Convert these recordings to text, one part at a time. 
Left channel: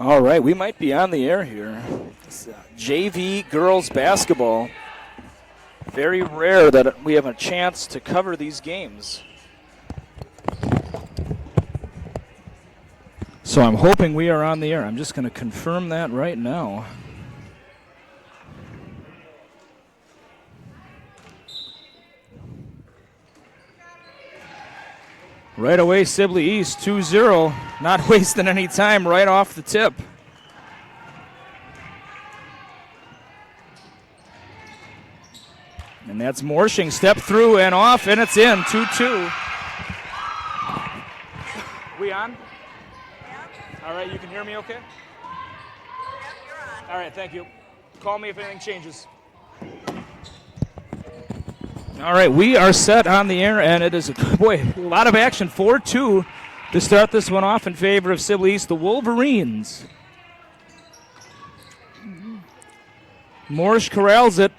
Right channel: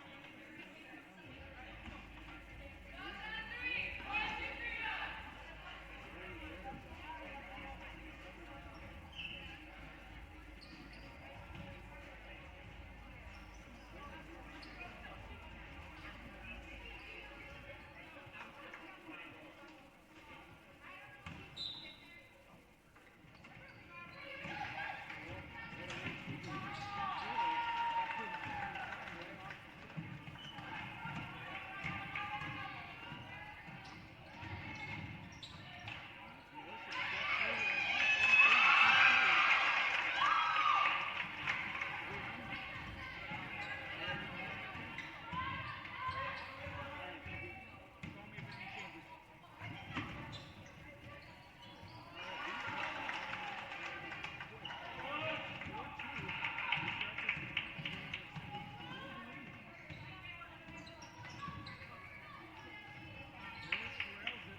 All right, we might be on the air here. It's, JV girls basketball. Very rare that we have a chance to cover these games. So I'm hoping we are on the air. I'm just going to confirm that right now. Right away, Sibley East 2-0. Not wasting any time right off the tip. And that's Morshing. Step through and off, and it's in. 2-2. We on? All right, you can hear me okay? All right, thank you. Call me if anything changes. All right, we are set on the air, and it is, boy, a lot of action. 4-2 to start this one off in favor of Sibley East, the Wolverines. Morsh corrals it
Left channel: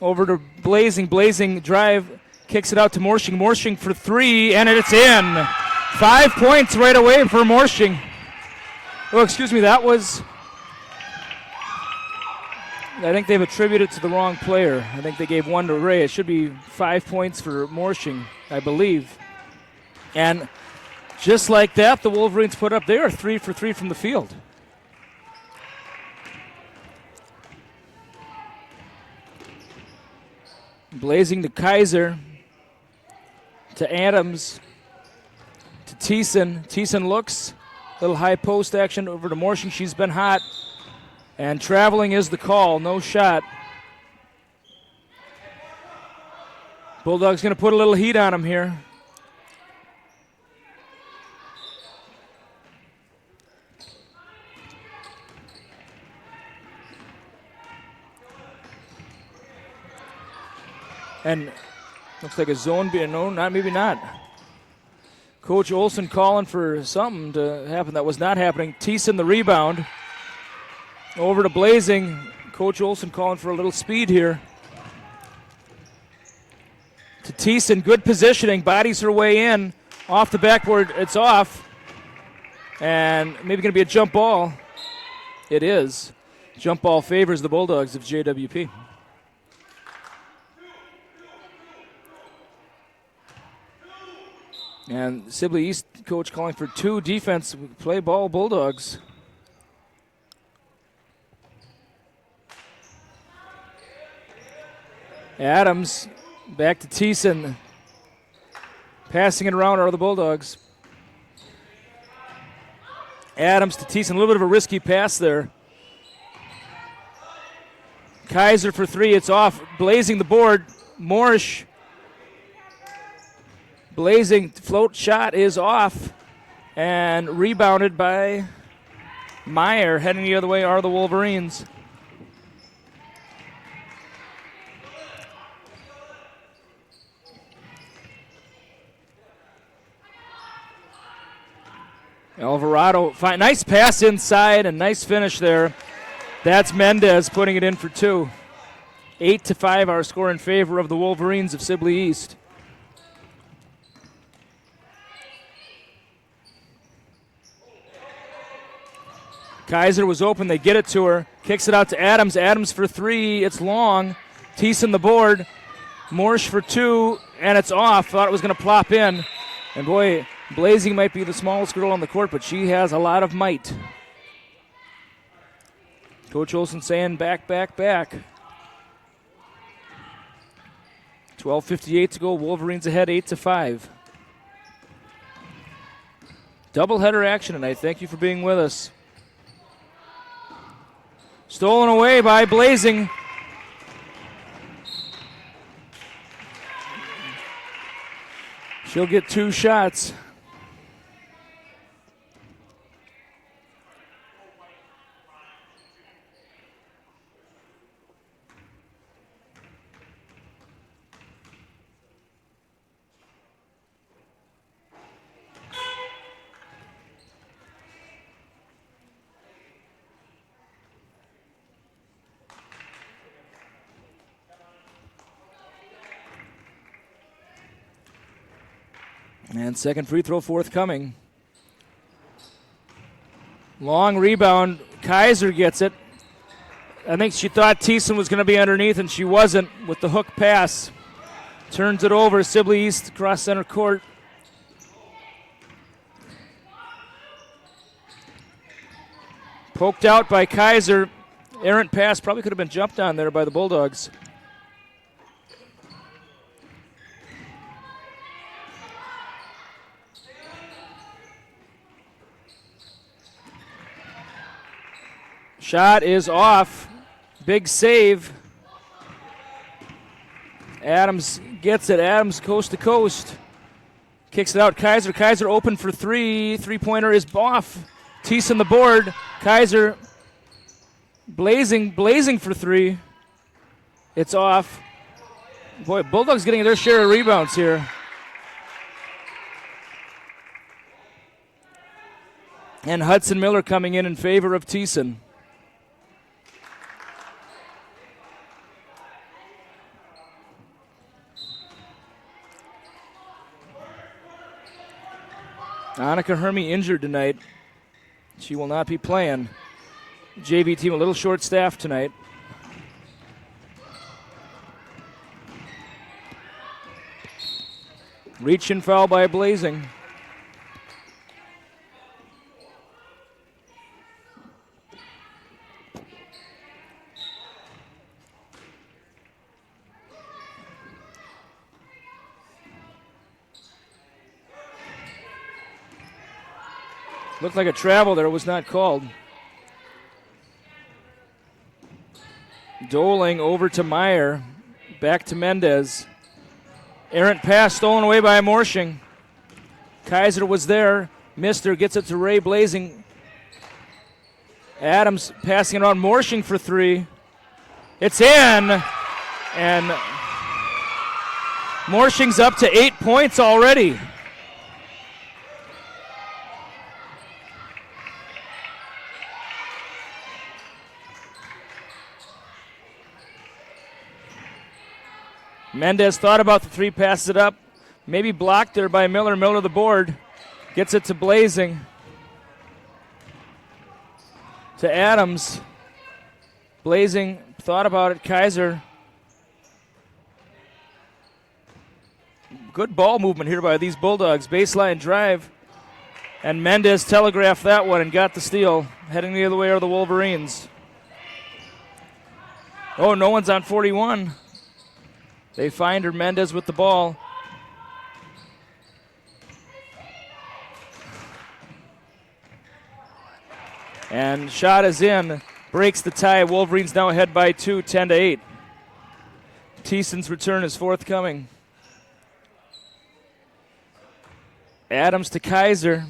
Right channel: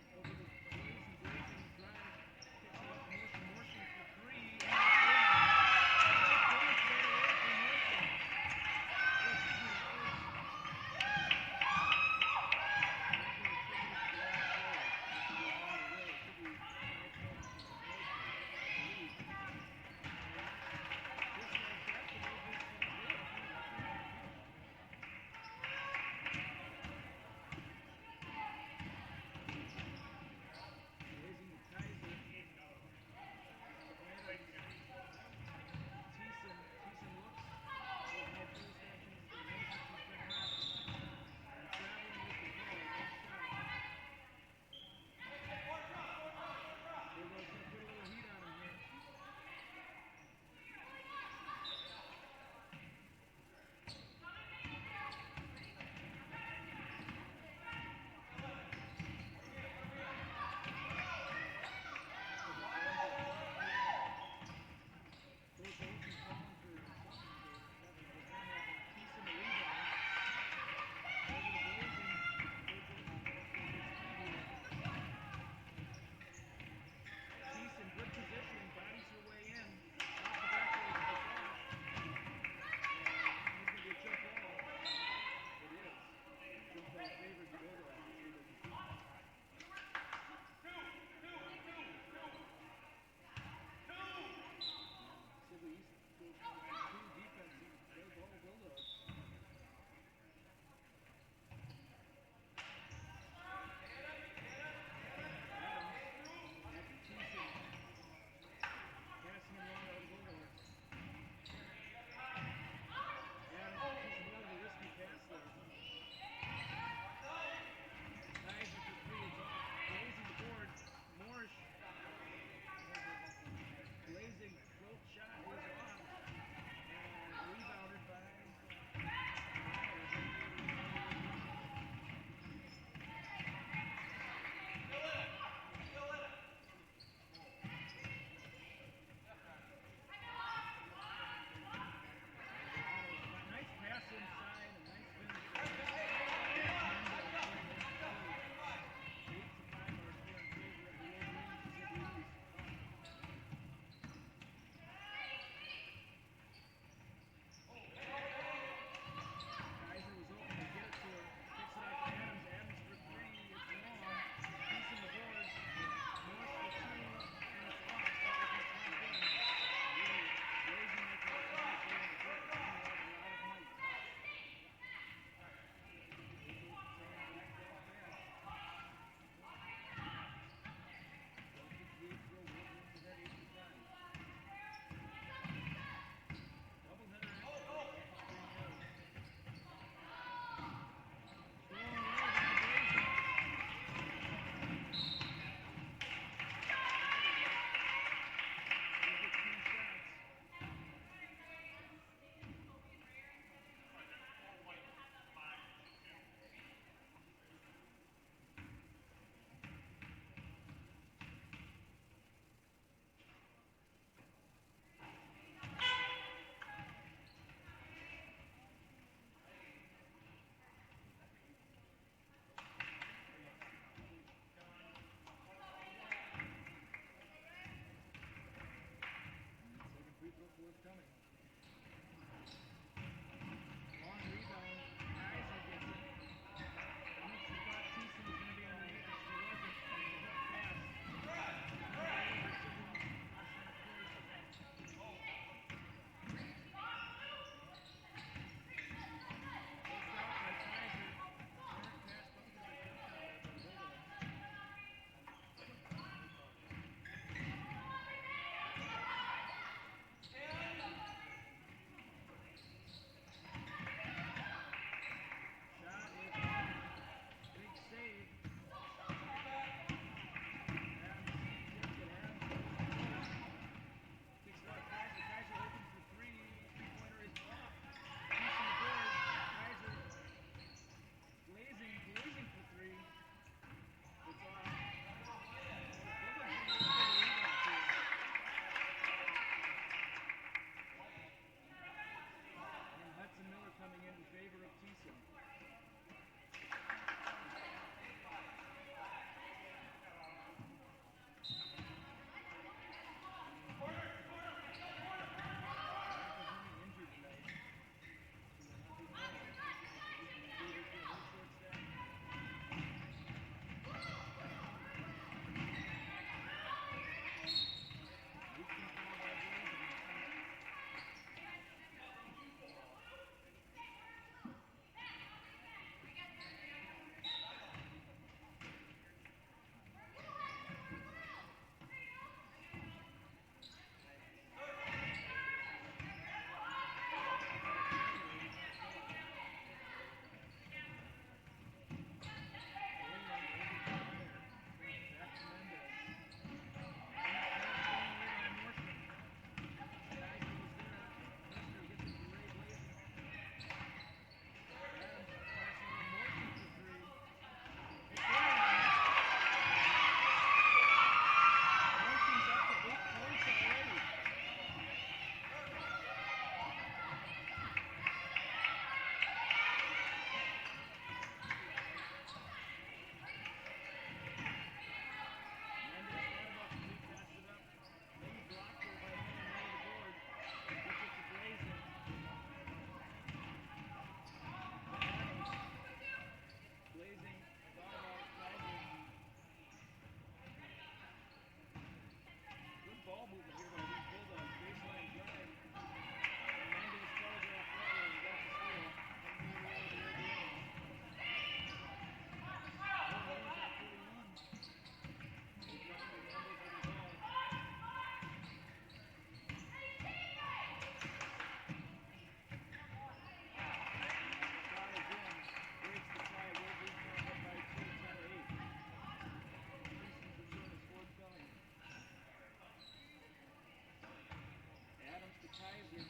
over to Blazing. Blazing drive, kicks it out to Morshing. Morshing for three, and it's in. 5 points right away for Morshing. Oh, excuse me, that was... I think they've attributed it to the wrong player. I think they gave one to Ray. It should be 5 points for Morshing, I believe. And just like that, the Wolverines put up, they are 3 for 3 from the field. Blazing to Kaiser, to Adams, to Thiessen. Thiessen looks, little high post action over to Morshing. She's been hot. And traveling is the call, no shot. Bulldogs going to put a little heat on him here. And looks like a zone being, no, not maybe not. Coach Olson calling for something to happen that was not happening. Thiessen the rebound. Over to Blazing. Coach Olson calling for a little speed here. To Thiessen, good positioning, bodies her way in. Off the backboard, it's off. And maybe going to be a jump ball. It is. Jump ball favors the Bulldogs of JWP. And Sibley East coach calling for 2 defense, play ball Bulldogs. Adams back to Thiessen. Passing it around are the Bulldogs. Adams to Thiessen, a little bit of a risky pass there. Kaiser for 3, it's off. Blazing the board. Morsh. Blazing float shot is off. And rebounded by Meyer. Heading the other way are the Wolverines. Alvarado, nice pass inside and nice finish there. That's Mendez putting it in for 2. 8-5 our score in favor of the Wolverines of Sibley East. Kaiser was open, they get it to her. Kicks it out to Adams. Adams for 3, it's long. Thiessen the board. Morsh for 2, and it's off. Thought it was going to plop in. And boy, Blazing might be the smallest girl on the court, but she has a lot of might. Coach Olson saying back, back, back. 12:58 to go. Wolverines ahead 8-5. Doubleheader action tonight. Thank you for being with us. Stolen away by Blazing. She'll get 2 shots. And second free throw forthcoming. Long rebound. Kaiser gets it. I think she thought Thiessen was going to be underneath, and she wasn't with the hook pass. Turns it over. Sibley East across center court. Poked out by Kaiser. Errant pass probably could have been jumped on there by the Bulldogs. Shot is off. Big save. Adams gets it. Adams coast to coast. Kicks it out. Kaiser open for three. Three-pointer is off. Thiessen the board. Kaiser blazing for three. It's off. Boy, Bulldogs getting their share of rebounds here. And Hudson Miller coming in favor of Thiessen. Annika Hermy injured tonight. She will not be playing. JV team a little short-staffed tonight. Reach and foul by Blazing. Looked like a travel there, was not called. Doling over to Meyer. Back to Mendez. Errant pass stolen away by Morshing. Kaiser was there. Missed her, gets it to Ray Blazing. Adams passing it on Morshing for three. It's in. And Morshing's up to 8 points already. Mendez thought about the three, passes it up. Maybe blocked there by Miller. Miller the board. Gets it to Blazing. To Adams. Blazing thought about it. Kaiser. Good ball movement here by these Bulldogs. Baseline drive. And Mendez telegraphed that one and got the steal. Heading the other way are the Wolverines. Oh, no one's on 41. They find her, Mendez with the ball. And shot is in, breaks the tie. Wolverines now ahead by 2, 10-8. Thiessen's return is forthcoming. Adams to Kaiser.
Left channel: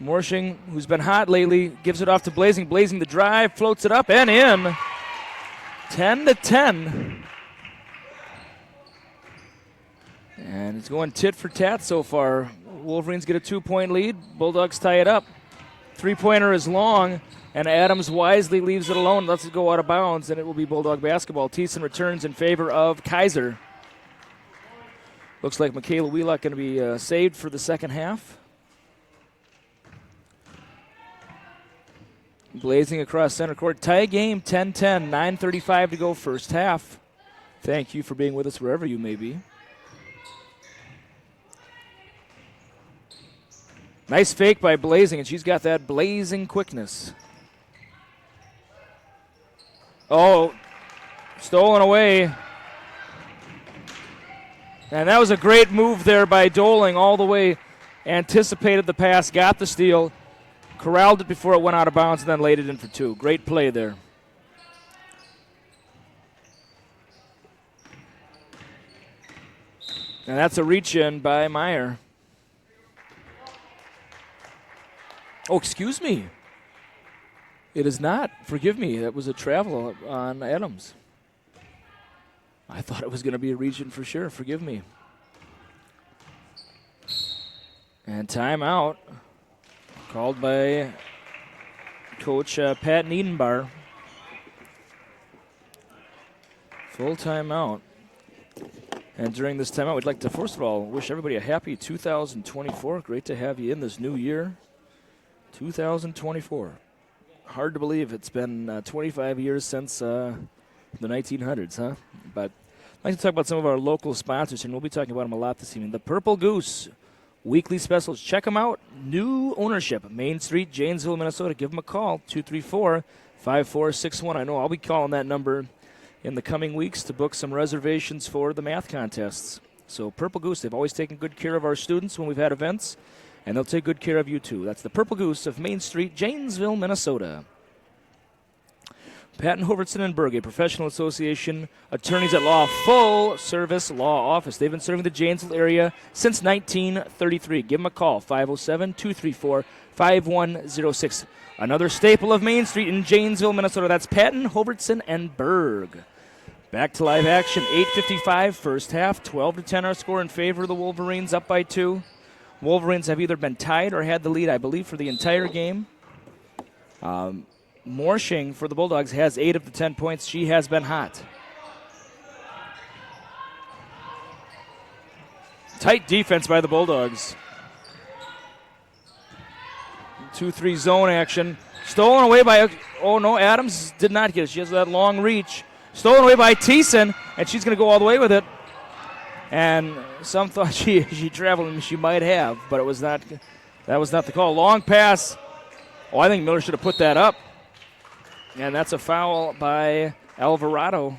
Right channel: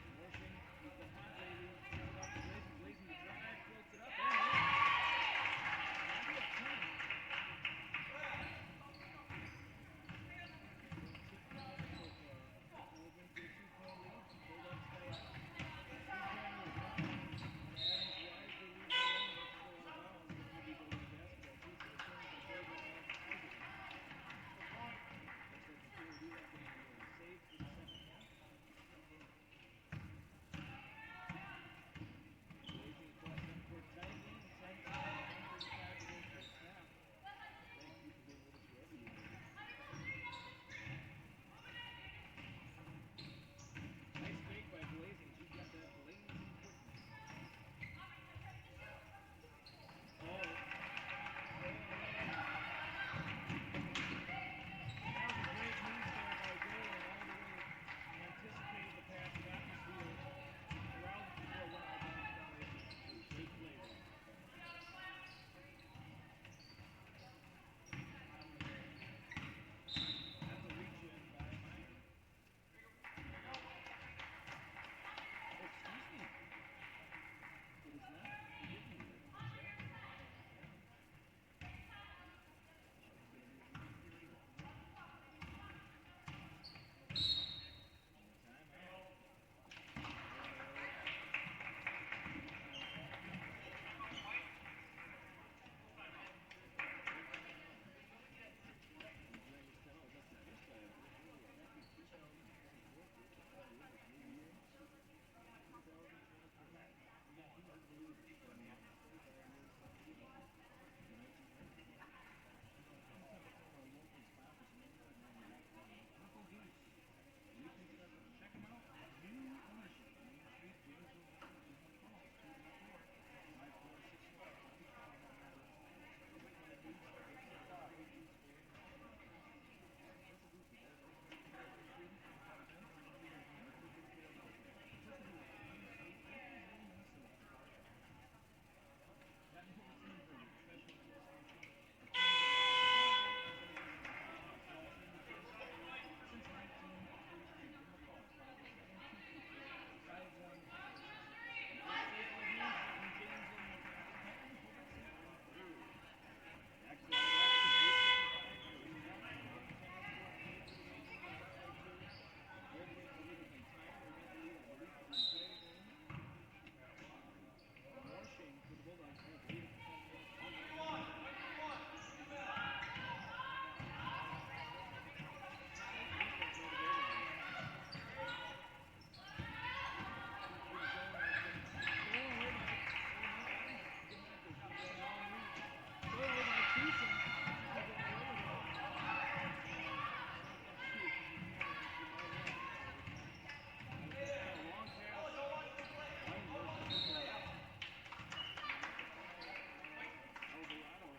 Morshing, who's been hot lately, gives it off to Blazing. Blazing the drive, floats it up and in. 10-10. And it's going tit for tat so far. Wolverines get a 2-point lead. Bulldogs tie it up. Three-pointer is long, and Adams wisely leaves it alone, lets it go out of bounds, and it will be Bulldog basketball. Thiessen returns in favor of Kaiser. Looks like Michaela Wheelock going to be saved for the second half. Blazing across center court. Tie game, 10-10, 9:35 to go first half. Thank you for being with us wherever you may be. Nice fake by Blazing, and she's got that blazing quickness. Oh, stolen away. And that was a great move there by Doling all the way. Anticipated the pass, got the steal, corralled it before it went out of bounds, and then laid it in for two. Great play there. And that's a reach-in by Meyer. Oh, excuse me. It is not. Forgive me. That was a travel on Adams. I thought it was going to be a reach-in for sure. Forgive me. And timeout called by Coach Pat Niedenbar. Full timeout. And during this timeout, we'd like to, first of all, wish everybody a happy 2024. Great to have you in this new year. 2024. Hard to believe it's been 25 years since the 1900s, huh? But I'd like to talk about some of our local sponsors, and we'll be talking about them a lot this evening. The Purple Goose weekly specials. Check them out. New ownership, Main Street, Janesville, Minnesota. Give them a call, 234-5461. I know I'll be calling that number in the coming weeks to book some reservations for the math contests. So Purple Goose, they've always taken good care of our students when we've had events, and they'll take good care of you too. That's the Purple Goose of Main Street, Janesville, Minnesota. Patton Hovertson and Berg, a professional association, attorneys at law, full service law office. They've been serving the Janesville area since 1933. Give them a call, 507-234-5106. Another staple of Main Street in Janesville, Minnesota. That's Patton, Hovertson, and Berg. Back to live action, 8:55 first half, 12-10 our score in favor of the Wolverines, up by 2. Wolverines have either been tied or had the lead, I believe, for the entire game. Morshing for the Bulldogs has 8 of the 10 points. She has been hot. Tight defense by the Bulldogs. 2-3 zone action. Stolen away by, oh no, Adams did not get it. She has that long reach. Stolen away by Thiessen, and she's going to go all the way with it. And some thought she traveled, and she might have, but it was not. That was not the call. Long pass. Oh, I think Miller should have put that up. And that's a foul by Alvarado.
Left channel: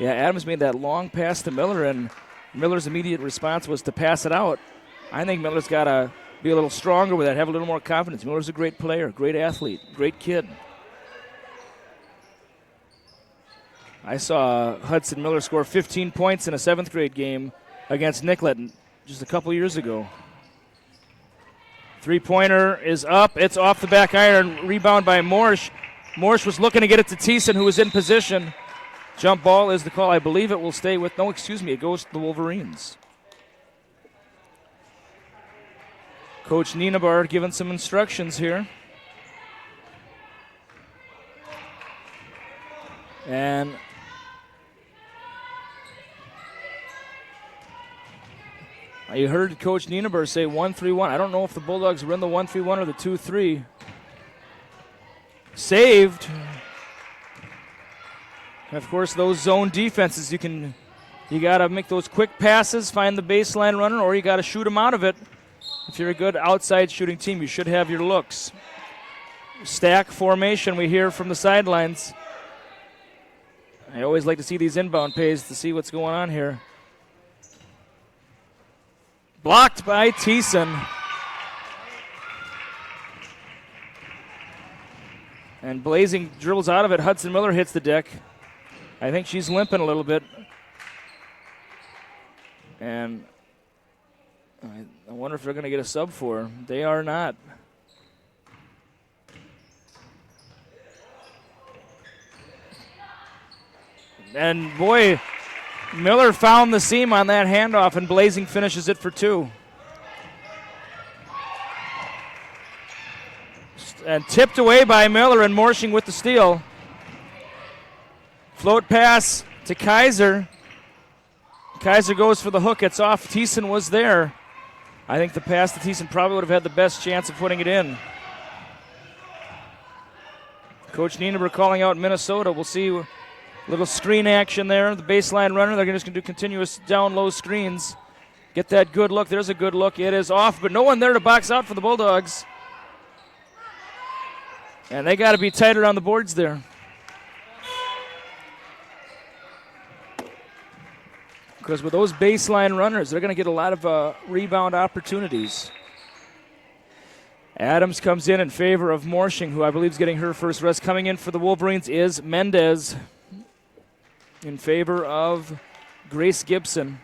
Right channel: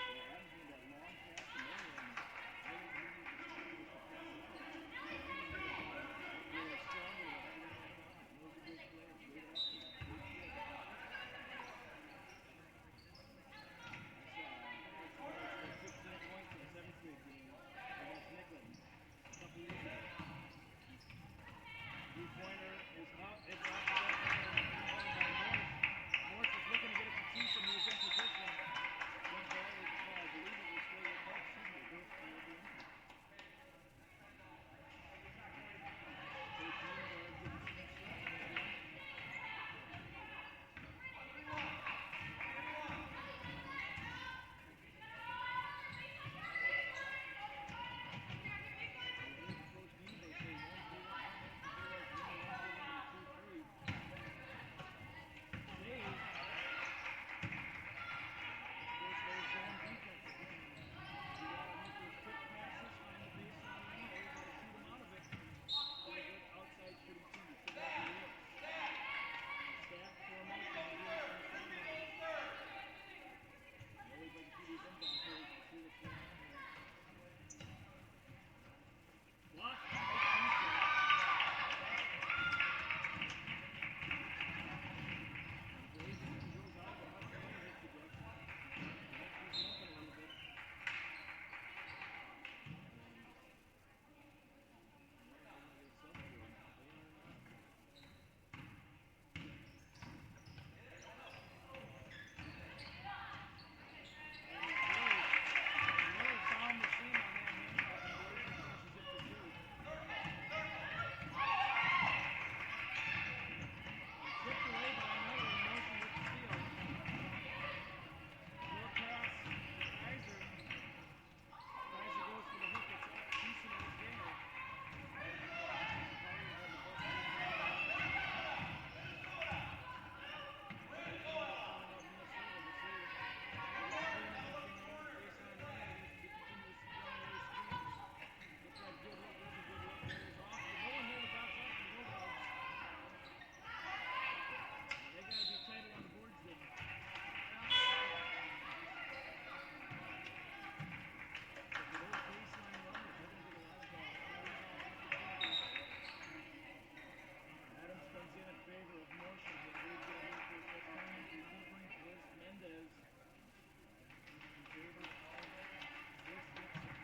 Yeah, Adams made that long pass to Miller, and Miller's immediate response was to pass it out. I think Miller's got to be a little stronger with that, have a little more confidence. Miller's a great player, great athlete, great kid. I saw Hudson Miller score 15 points in a 7th grade game against Nicollet just a couple years ago. Three-pointer is up. It's off the back iron. Rebound by Morsch. Morsch was looking to get it to Thiessen, who was in position. Jump ball is the call. I believe it will stay with, no, excuse me, it goes to the Wolverines. Coach Nienabar giving some instructions here. And you heard Coach Nienaber say 1-3-1. I don't know if the Bulldogs were in the 1-3-1 or the 2-3. Saved. And of course, those zone defenses, you got to make those quick passes, find the baseline runner, or you got to shoot them out of it. If you're a good outside shooting team, you should have your looks. Stack formation, we hear from the sidelines. I always like to see these inbound plays to see what's going on here. Blocked by Thiessen. And Blazing dribbles out of it. Hudson Miller hits the deck. I think she's limping a little bit. And I wonder if they're going to get a sub for her. They are not. And boy, Miller found the seam on that handoff, and Blazing finishes it for 2. And tipped away by Miller, and Morshing with the steal. Float pass to Kaiser. Kaiser goes for the hook. It's off. Thiessen was there. I think the pass to Thiessen probably would have had the best chance of putting it in. Coach Nienaber calling out Minnesota. We'll see. Little screen action there. The baseline runner, they're just going to do continuous down low screens. Get that good look. There's a good look. It is off, but no one there to box out for the Bulldogs. And they got to be tighter on the boards there. Because with those baseline runners, they're going to get a lot of rebound opportunities. Adams comes in favor of Morshing, who I believe is getting her first rest. Coming in for the Wolverines is Mendez in favor of Grace Gibson.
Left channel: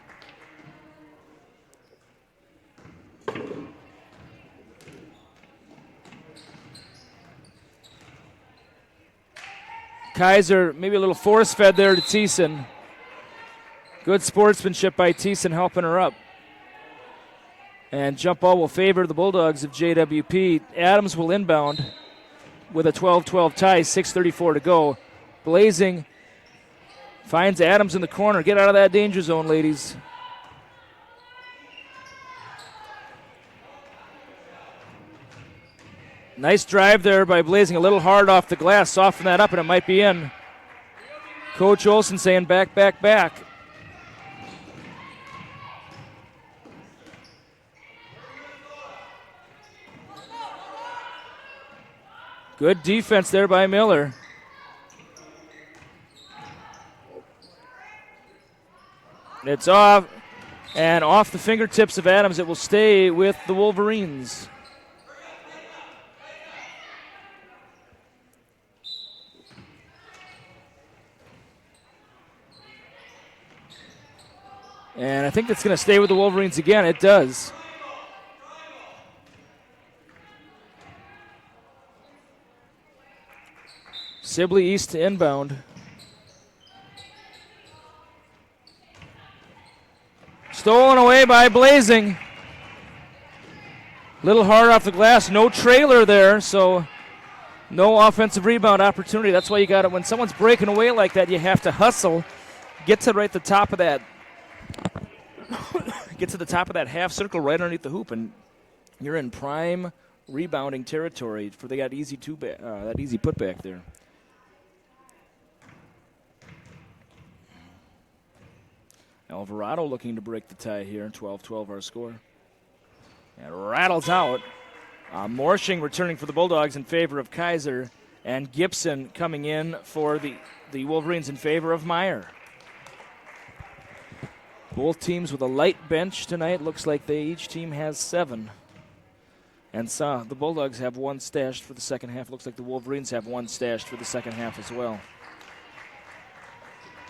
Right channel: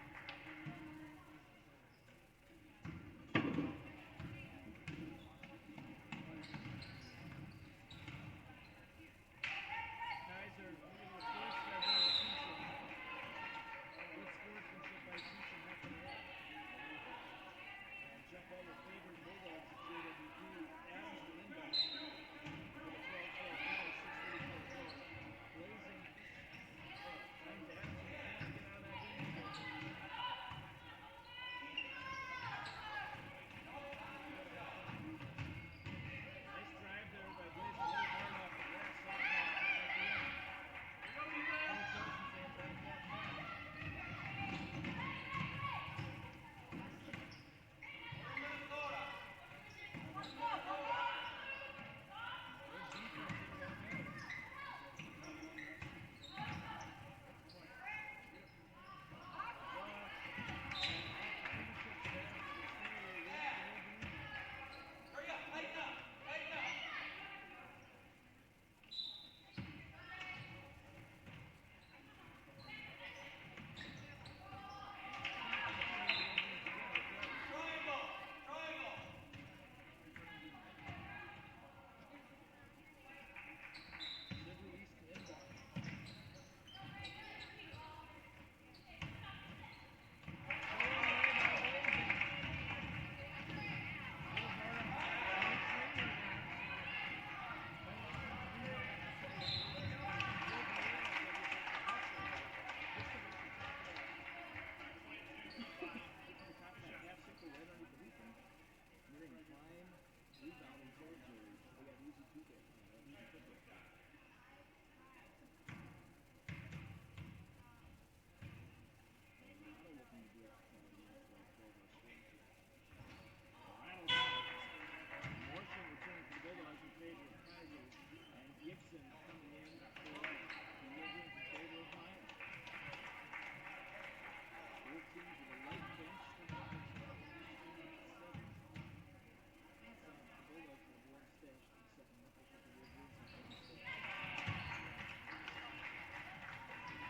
Kaiser, maybe a little force fed there to Thiessen. Good sportsmanship by Thiessen helping her up. And jump ball will favor the Bulldogs of JWP. Adams will inbound with a 12-12 tie, 6:34 to go. Blazing finds Adams in the corner. Get out of that danger zone, ladies. Nice drive there by Blazing, a little hard off the glass, soften that up and it might be in. Coach Olson saying back, back, back. Good defense there by Miller. It's off, and off the fingertips of Adams. It will stay with the Wolverines. And I think it's going to stay with the Wolverines again. It does. Sibley East to inbound. Stolen away by Blazing. Little hard off the glass. No trailer there, so no offensive rebound opportunity. That's why you got it. When someone's breaking away like that, you have to hustle. Get to right the top of that. Get to the top of that half circle right underneath the hoop, and you're in prime rebounding territory for they got easy that easy putback there. Alvarado looking to break the tie here. 12-12 our score. And rattles out. Morshing returning for the Bulldogs in favor of Kaiser, and Gibson coming in for the Wolverines in favor of Meyer. Both teams with a light bench tonight. Looks like each team has 7. And the Bulldogs have 1 stashed for the second half. Looks like the Wolverines have 1 stashed for the second half as well.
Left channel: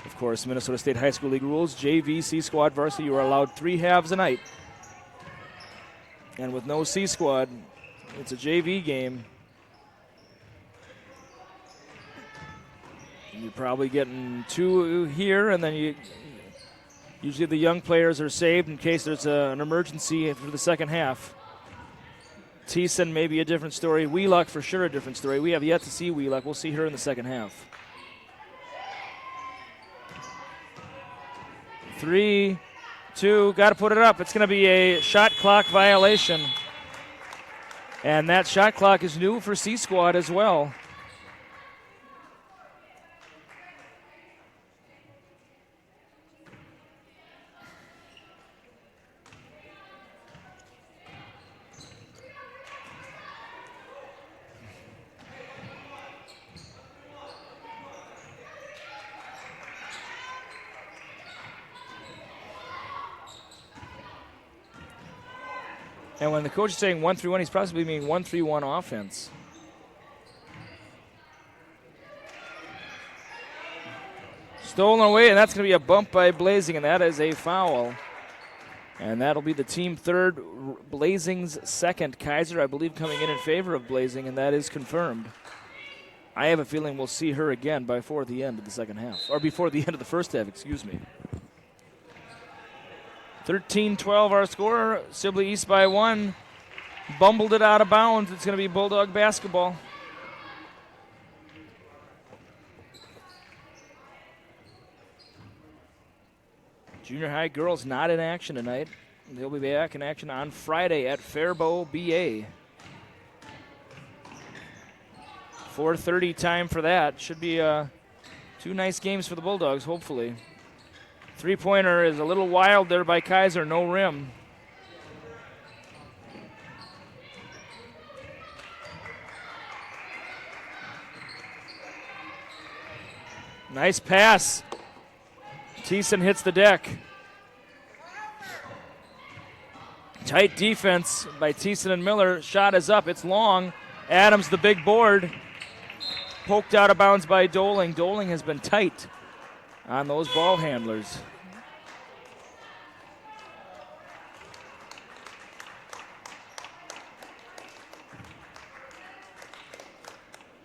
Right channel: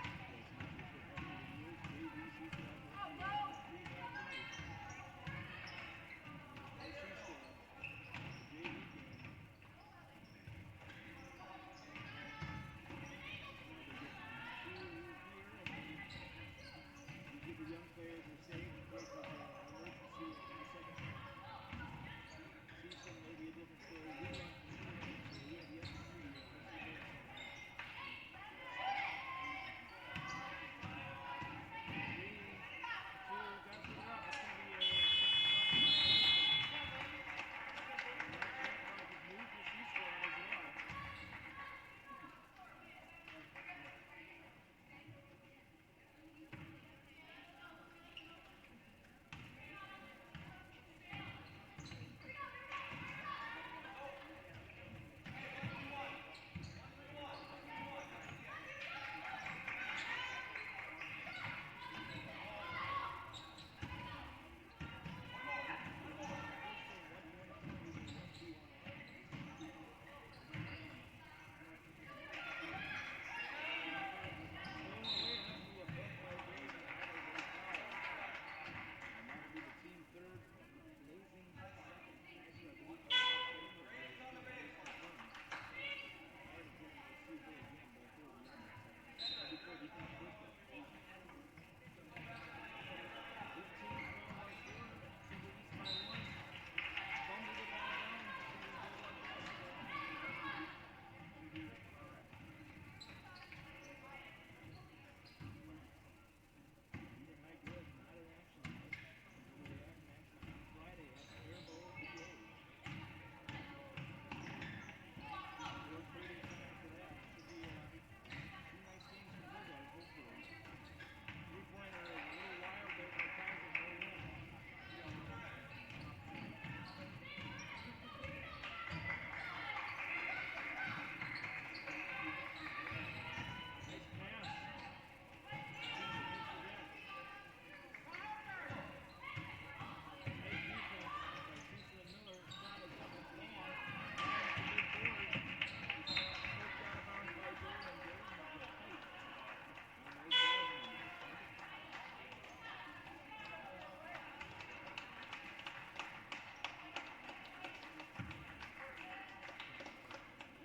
Of course, Minnesota State High School League rules, JV, C Squad, Varsity, you are allowed 3 halves a night. And with no C Squad, it's a JV game. You're probably getting 2 here, and then usually the young players are saved in case there's an emergency for the second half. Thiessen may be a different story. Wheelock for sure a different story. We have yet to see Wheelock. We'll see her in the second half. 3, 2, got to put it up. It's going to be a shot clock violation. And that shot clock is new for C Squad as well. And when the coach is saying 1-3-1, he's possibly meaning 1-3-1 offense. Stolen away, and that's going to be a bump by Blazing, and that is a foul. And that'll be the team third, Blazing's second. Kaiser, I believe, coming in favor of Blazing, and that is confirmed. I have a feeling we'll see her again before the end of the second half, or before the end of the first half, excuse me. 13-12 our score. Sibley East by 1. Bumbled it out of bounds. It's going to be Bulldog basketball. Junior high girls not in action tonight. They'll be back in action on Friday at Faribault, BA. 4:30 time for that. Should be 2 nice games for the Bulldogs, hopefully. Three-pointer is a little wild there by Kaiser, no rim. Nice pass. Thiessen hits the deck. Tight defense by Thiessen and Miller. Shot is up, it's long. Adams, the big board. Poked out of bounds by Doling. Doling has been tight on those ball handlers.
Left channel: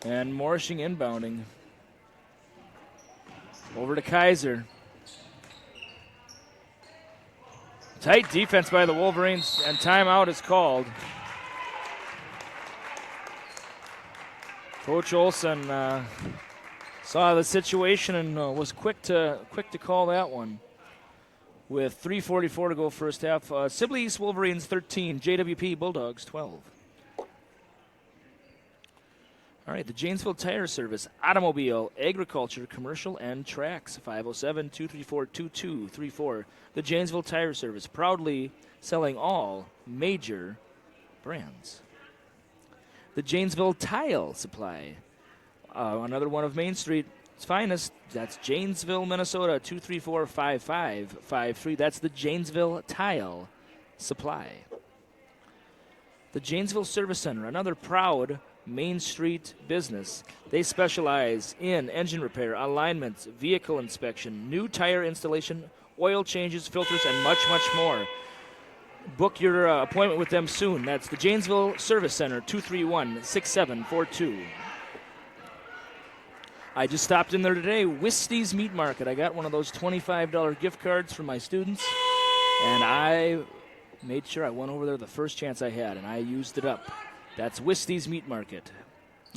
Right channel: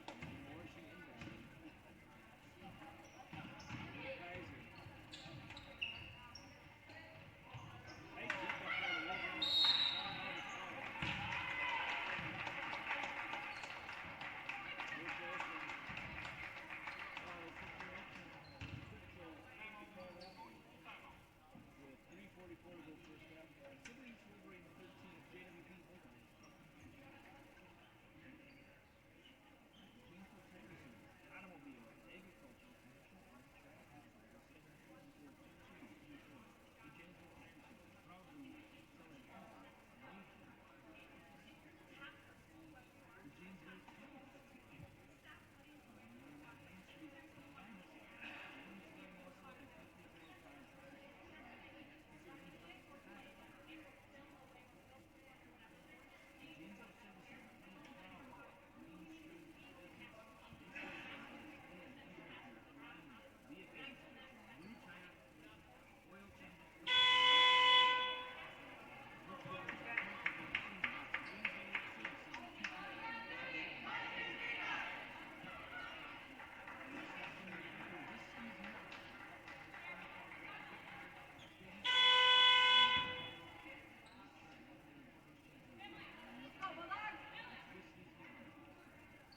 And Morshing inbounding. Over to Kaiser. Tight defense by the Wolverines, and timeout is called. Coach Olson saw the situation and was quick to call that one. With 3:44 to go first half, Sibley East Wolverines 13, JWP Bulldogs 12. All right, the Janesville Tire Service, automobile, agriculture, commercial, and tracks. 507-234-2234. The Janesville Tire Service, proudly selling all major brands. The Janesville Tile Supply, another one of Main Street's finest. That's Janesville, Minnesota, 234-5553. That's the Janesville Tile Supply. The Janesville Service Center, another proud Main Street business. They specialize in engine repair, alignments, vehicle inspection, new tire installation, oil changes, filters, and much, much more. Book your appointment with them soon. That's the Janesville Service Center, 231-6742. I just stopped in there today, Whistey's Meat Market. I got one of those $25 gift cards for my students, and I made sure I went over there the first chance I had, and I used it up. That's Whistey's Meat Market.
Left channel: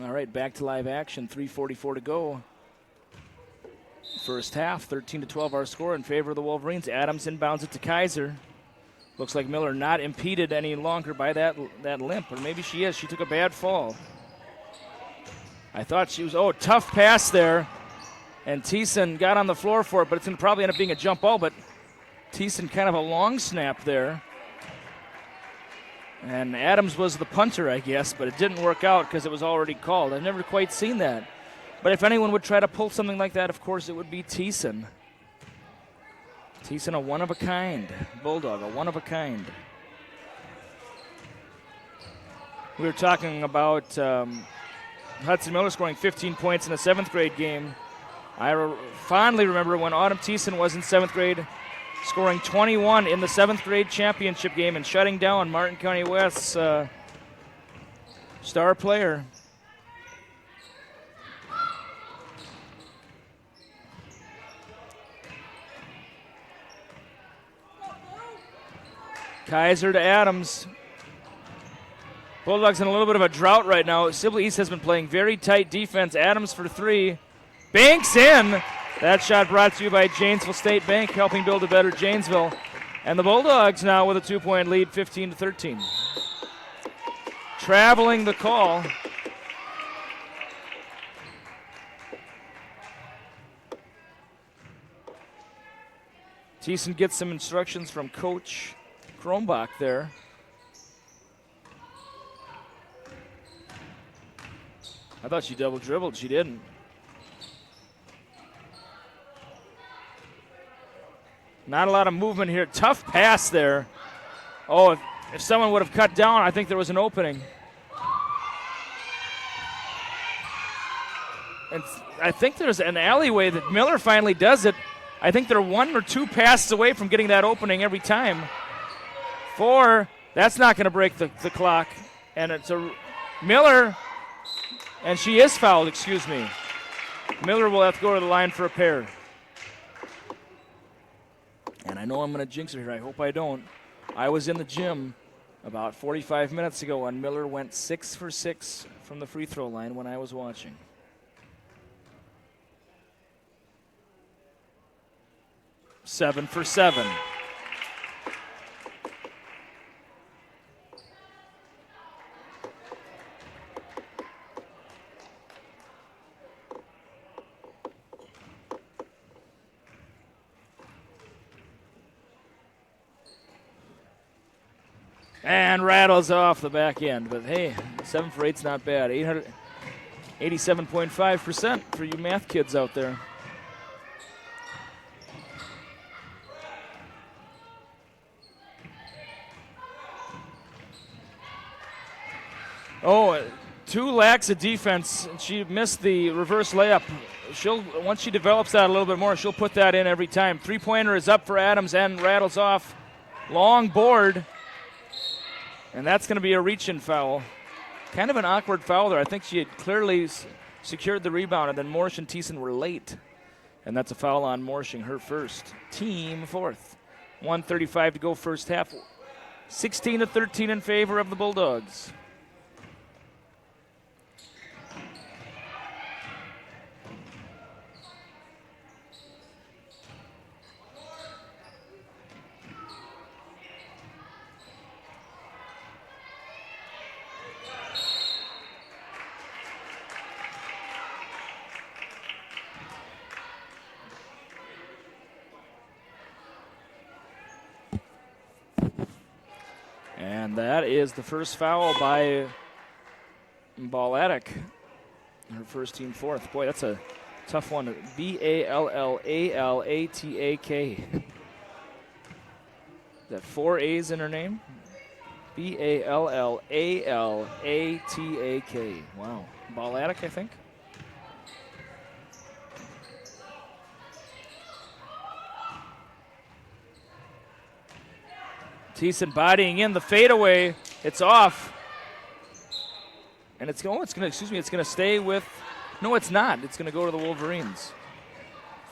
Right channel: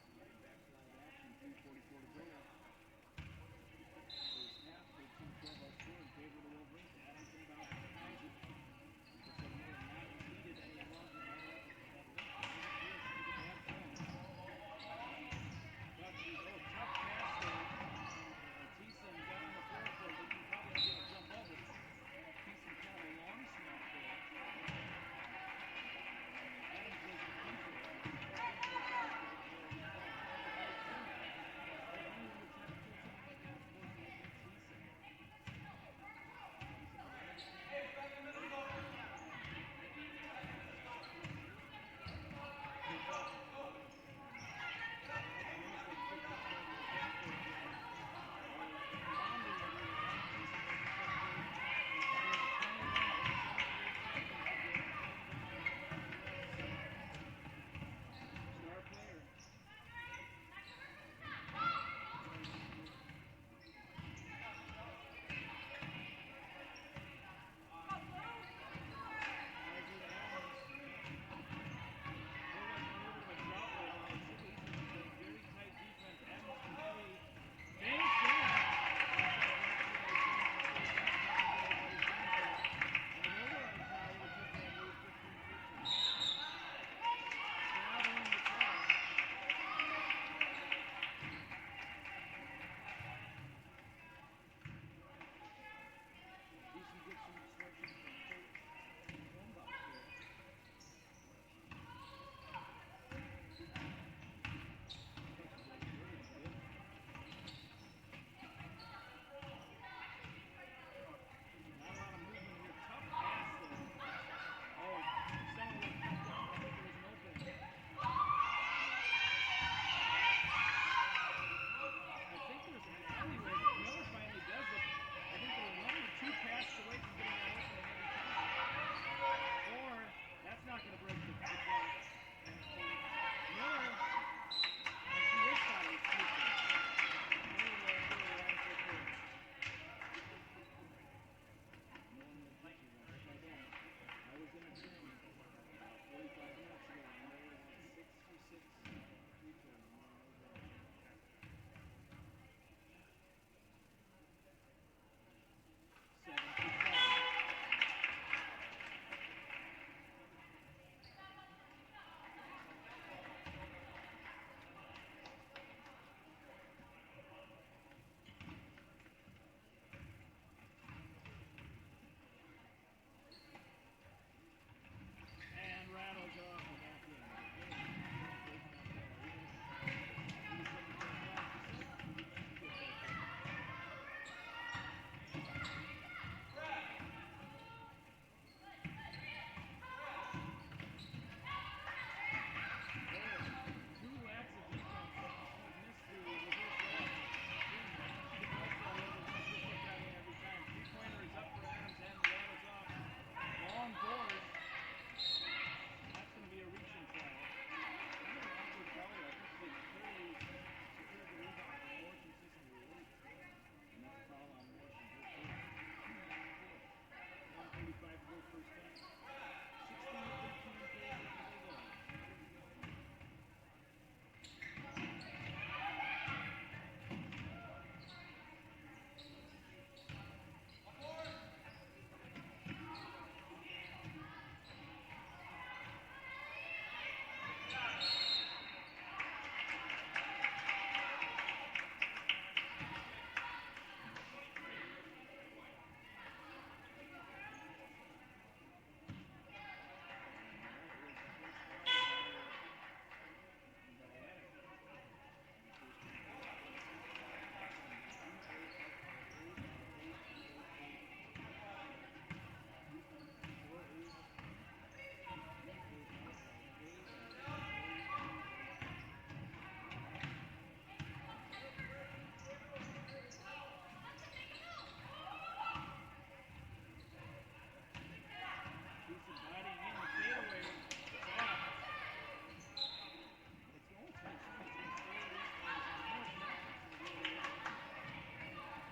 All right, back to live action, 3:44 to go. First half, 13-12 our score in favor of the Wolverines. Adams inbounds it to Kaiser. Looks like Miller not impeded any longer by that limp, or maybe she is. She took a bad fall. I thought she was, tough pass there. And Thiessen got on the floor for it, but it's going to probably end up being a jump ball, but Thiessen kind of a long snap there. And Adams was the punter, I guess, but it didn't work out because it was already called. I've never quite seen that. But if anyone would try to pull something like that, of course, it would be Thiessen. Thiessen, a one-of-a-kind Bulldog, a one-of-a-kind. We were talking about Hudson Miller scoring 15 points in a 7th grade game. I fondly remember when Autumn Thiessen was in 7th grade, scoring 21 in the 7th grade championship game and shutting down Martin County West's star player. Kaiser to Adams. Bulldogs in a little bit of a drought right now. Sibley East has been playing very tight defense. Adams for 3. Banks in. That shot brought to you by Janesville State Bank, helping build a better Janesville. And the Bulldogs now with a 2-point lead, 15-13. Traveling the call. Thiessen gets some instructions from Coach Krombach there. I thought she double dribbled. She didn't. Not a lot of movement here. Tough pass there. Oh, if someone would have cut down, I think there was an opening. And I think there's an alleyway that Miller finally does it. I think they're 1 or 2 passes away from getting that opening every time. 4, that's not going to break the clock. And it's a Miller, and she is fouled, excuse me. Miller will have to go to the line for a pair. And I know I'm going to jinx her here. I hope I don't. I was in the gym about 45 minutes ago, and Miller went 6 for 6 from the free throw line when I was watching. Seven for 7. And rattles off the back end. But hey, 7 for 8's not bad. 87.5% for you math kids out there. Oh, 2 lacks of defense. She missed the reverse layup. Once she develops that a little bit more, she'll put that in every time. 3-pointer is up for Adams and rattles off. Long board. And that's going to be a reach-in foul. Kind of an awkward foul there. I think she had clearly secured the rebound, and then Morsh and Thiessen were late. And that's a foul on Morshing, her first. Team 4th. 1:35 to go first half. 16-13 in favor of the Bulldogs. And that is the first foul by Ballatic. Her first team fourth. Boy, that's a tough one. B-A-L-L-A-L-A-T-A-K. Is that 4 A's in her name? B-A-L-L-A-L-A-T-A-K. Wow. Ballatic, I think. Thiessen bodying in the fadeaway. It's off. And it's going to stay with, no, it's not. It's going to go to the Wolverines.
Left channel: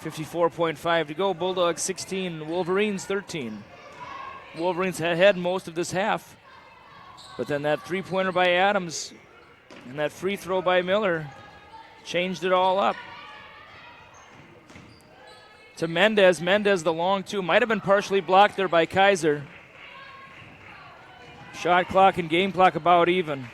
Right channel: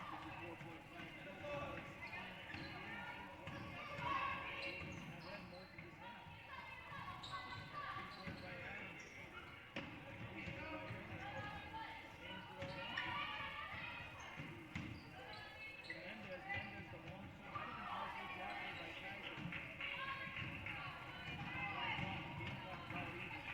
54.5 to go. Bulldogs 16, Wolverines 13. Wolverines had most of this half. But then that three-pointer by Adams and that free throw by Miller changed it all up. To Mendez. Mendez, the long two. Might have been partially blocked there by Kaiser. Shot clock and game clock about even.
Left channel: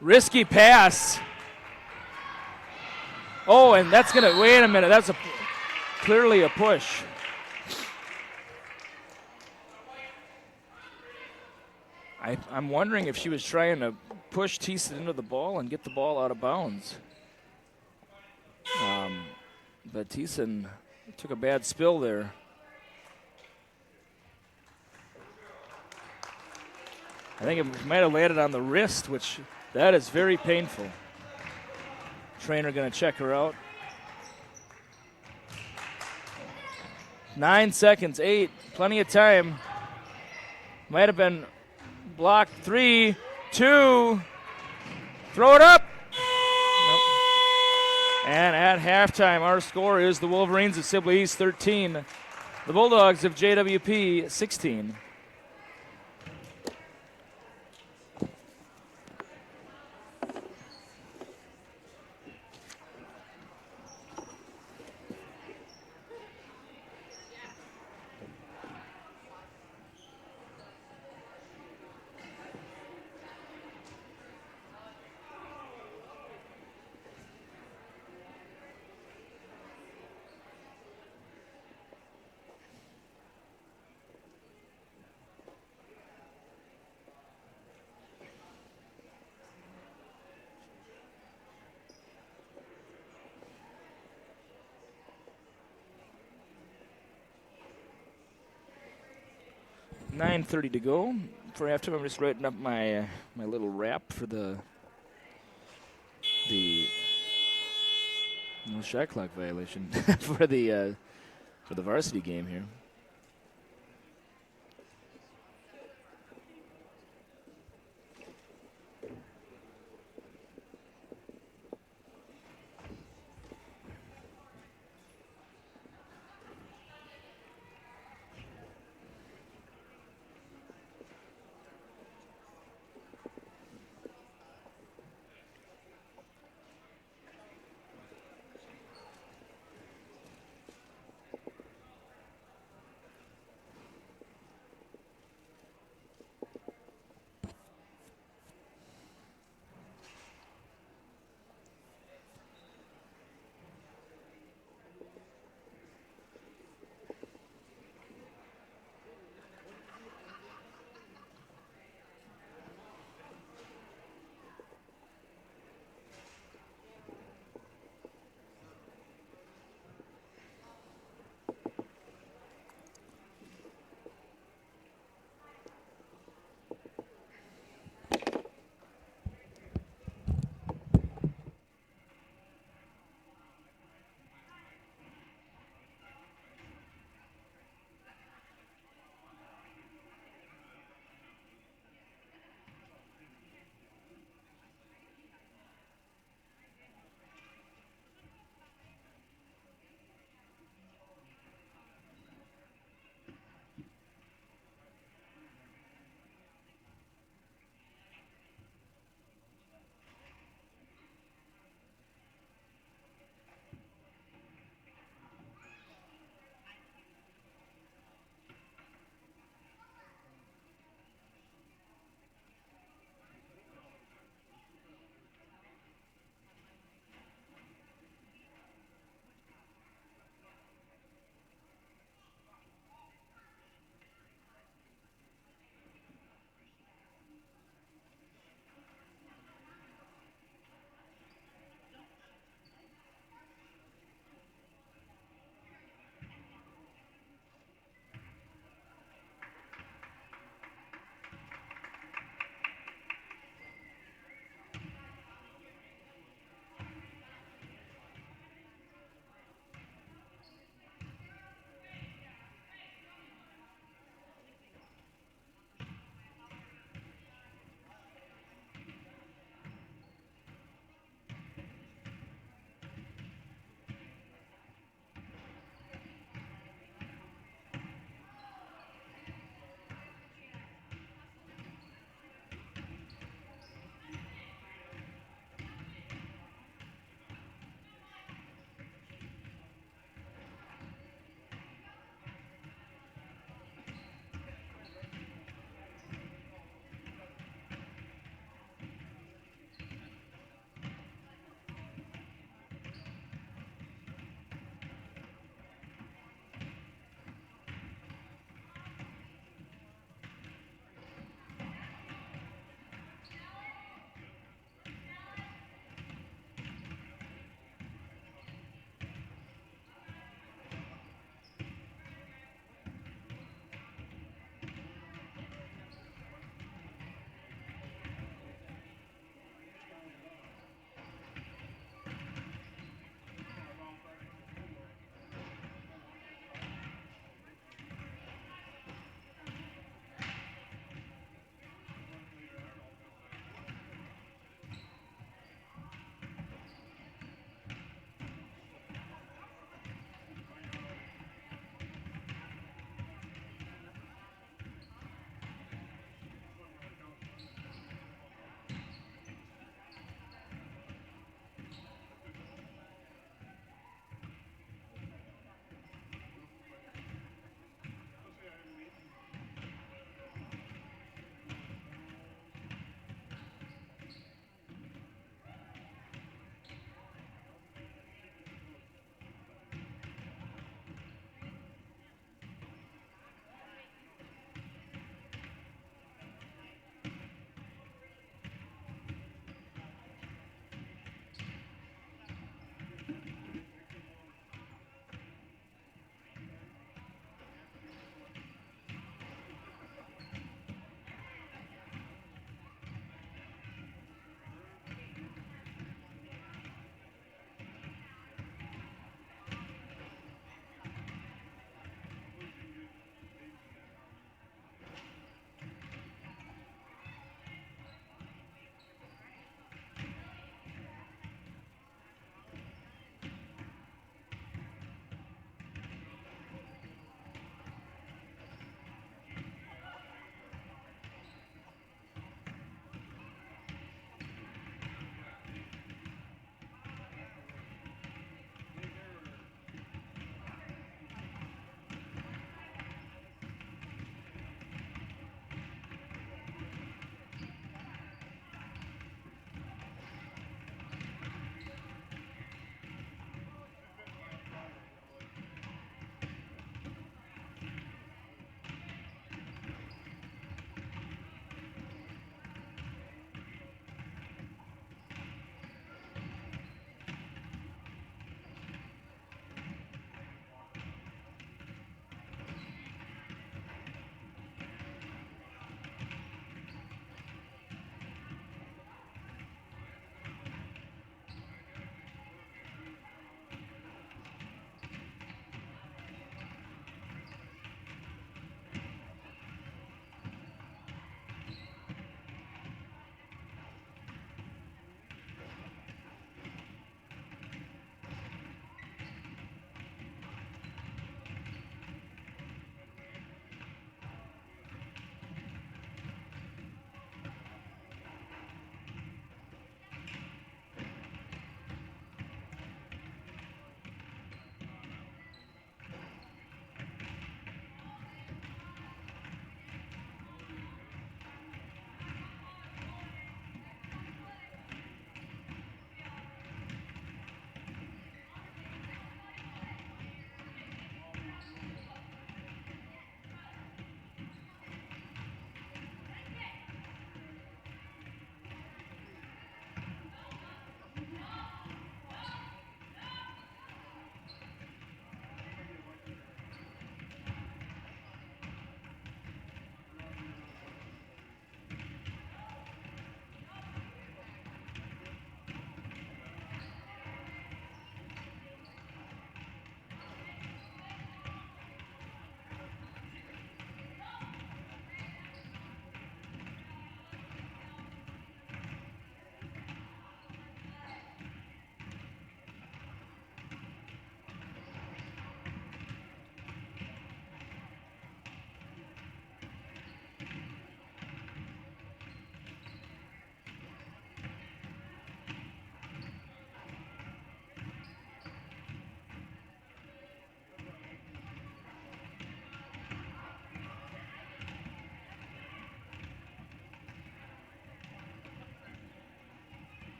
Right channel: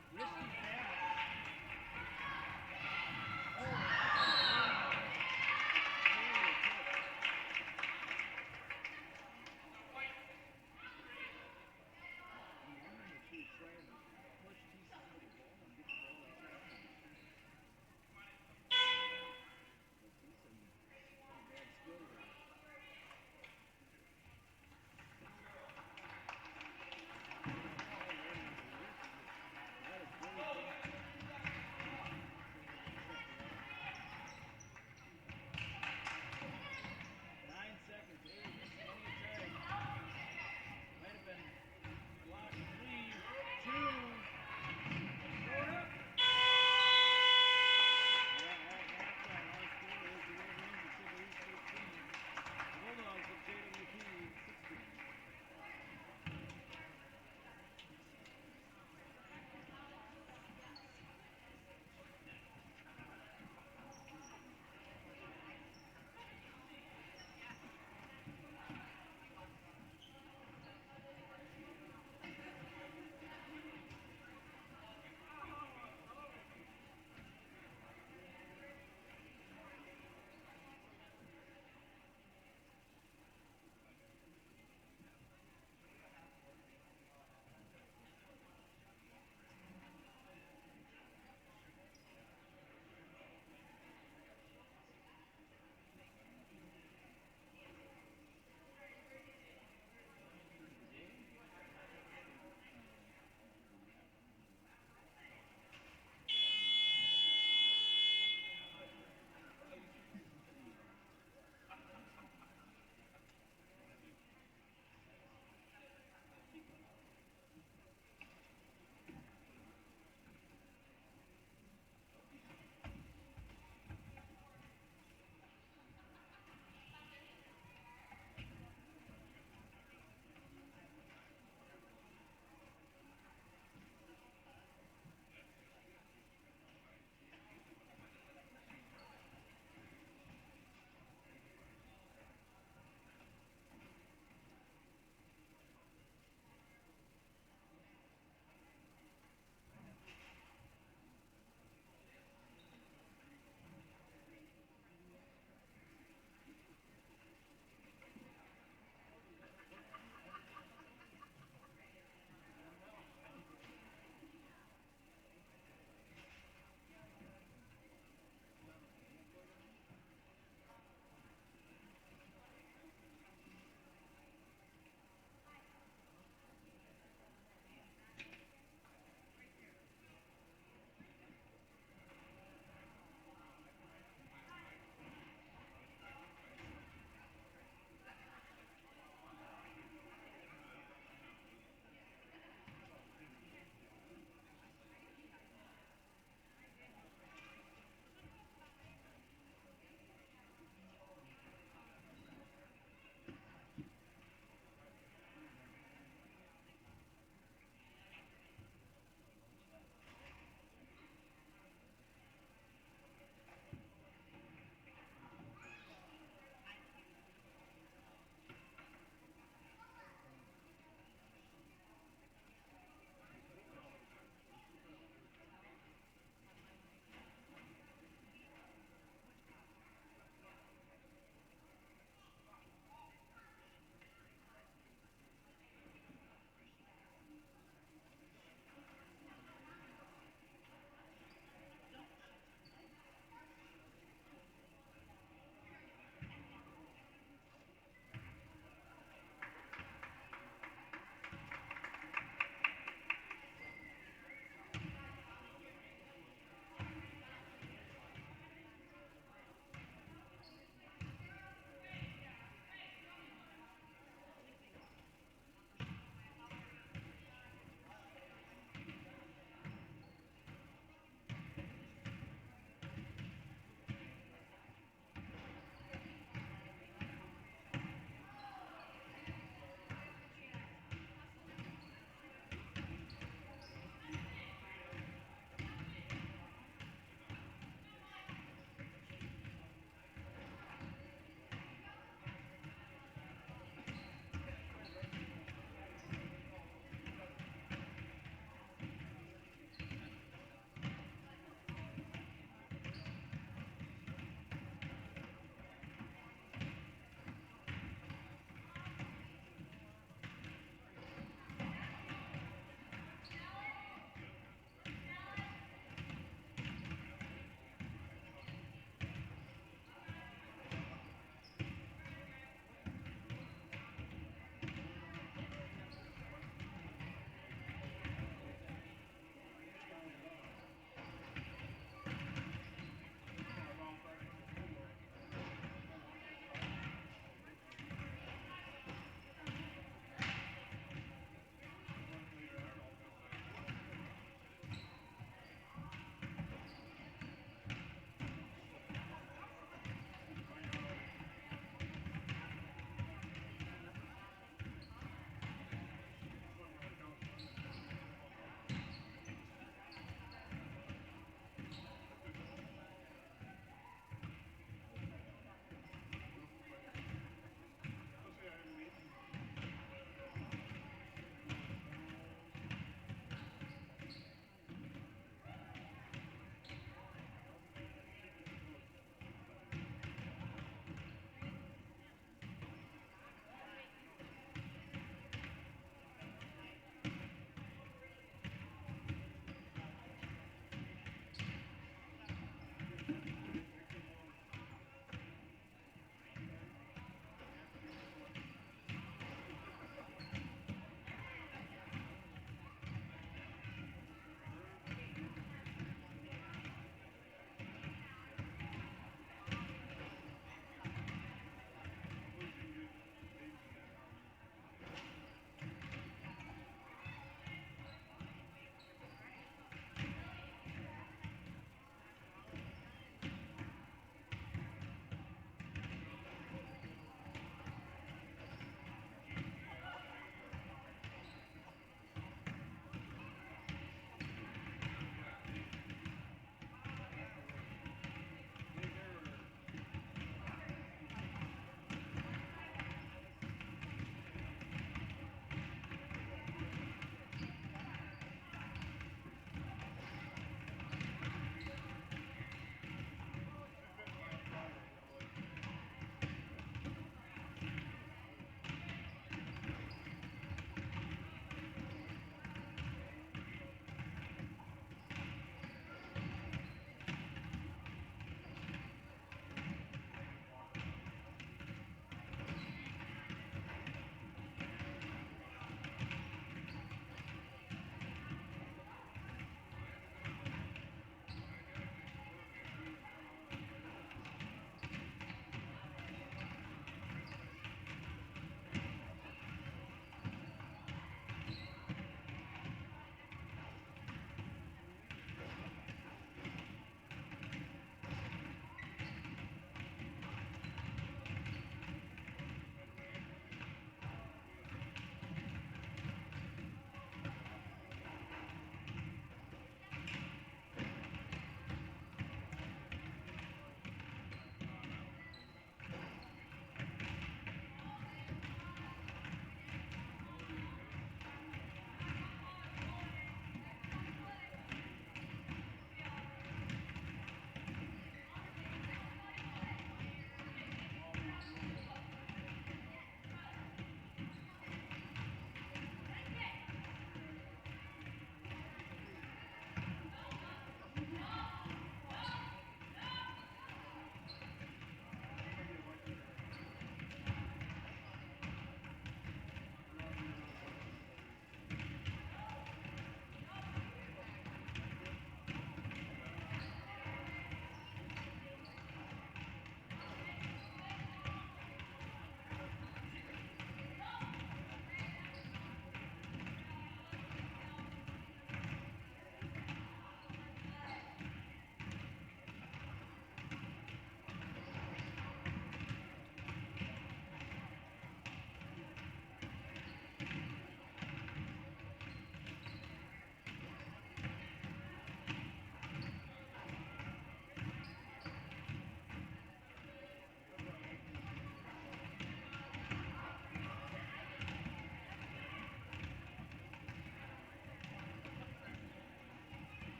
Risky pass. Oh, and that's going to, wait a minute, that's clearly a push. I'm wondering if she was trying to push Thiessen into the ball and get the ball out of bounds. But Thiessen took a bad spill there. I think it might have landed on the wrist, which that is very painful. Trainer going to check her out. 9 seconds, 8, plenty of time. Might have been blocked. 3, 2, throw it up. Nope. And at halftime, our score is the Wolverines of Sibley East 13, the Bulldogs of JWP 16. .30 to go. For halftime, I'm just writing up my my little rap for the no shot clock violation for the varsity game here.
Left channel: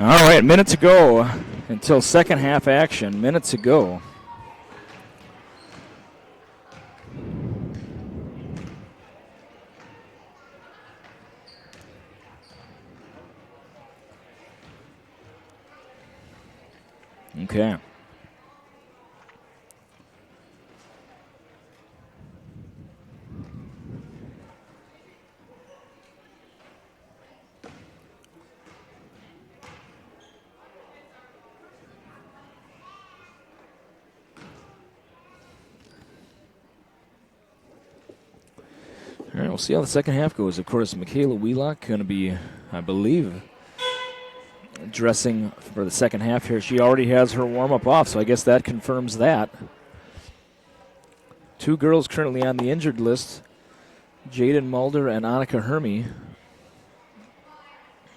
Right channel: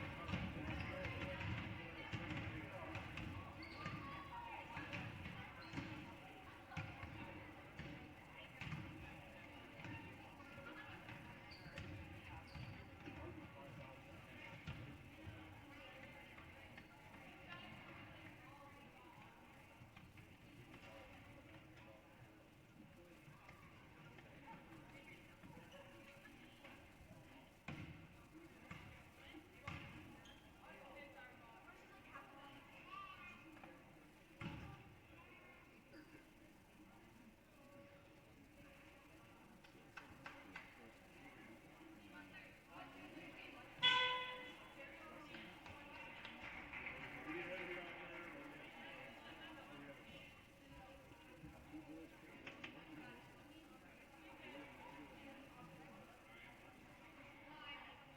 All right, minute to go until second half action. Minute to go. Okay. All right, we'll see how the second half goes. Of course, Michaela Wheelock going to be, I believe, dressing for the second half here. She already has her warm-up off, so I guess that confirms that. Two girls currently on the injured list, Jaden Mulder and Annika Hermy.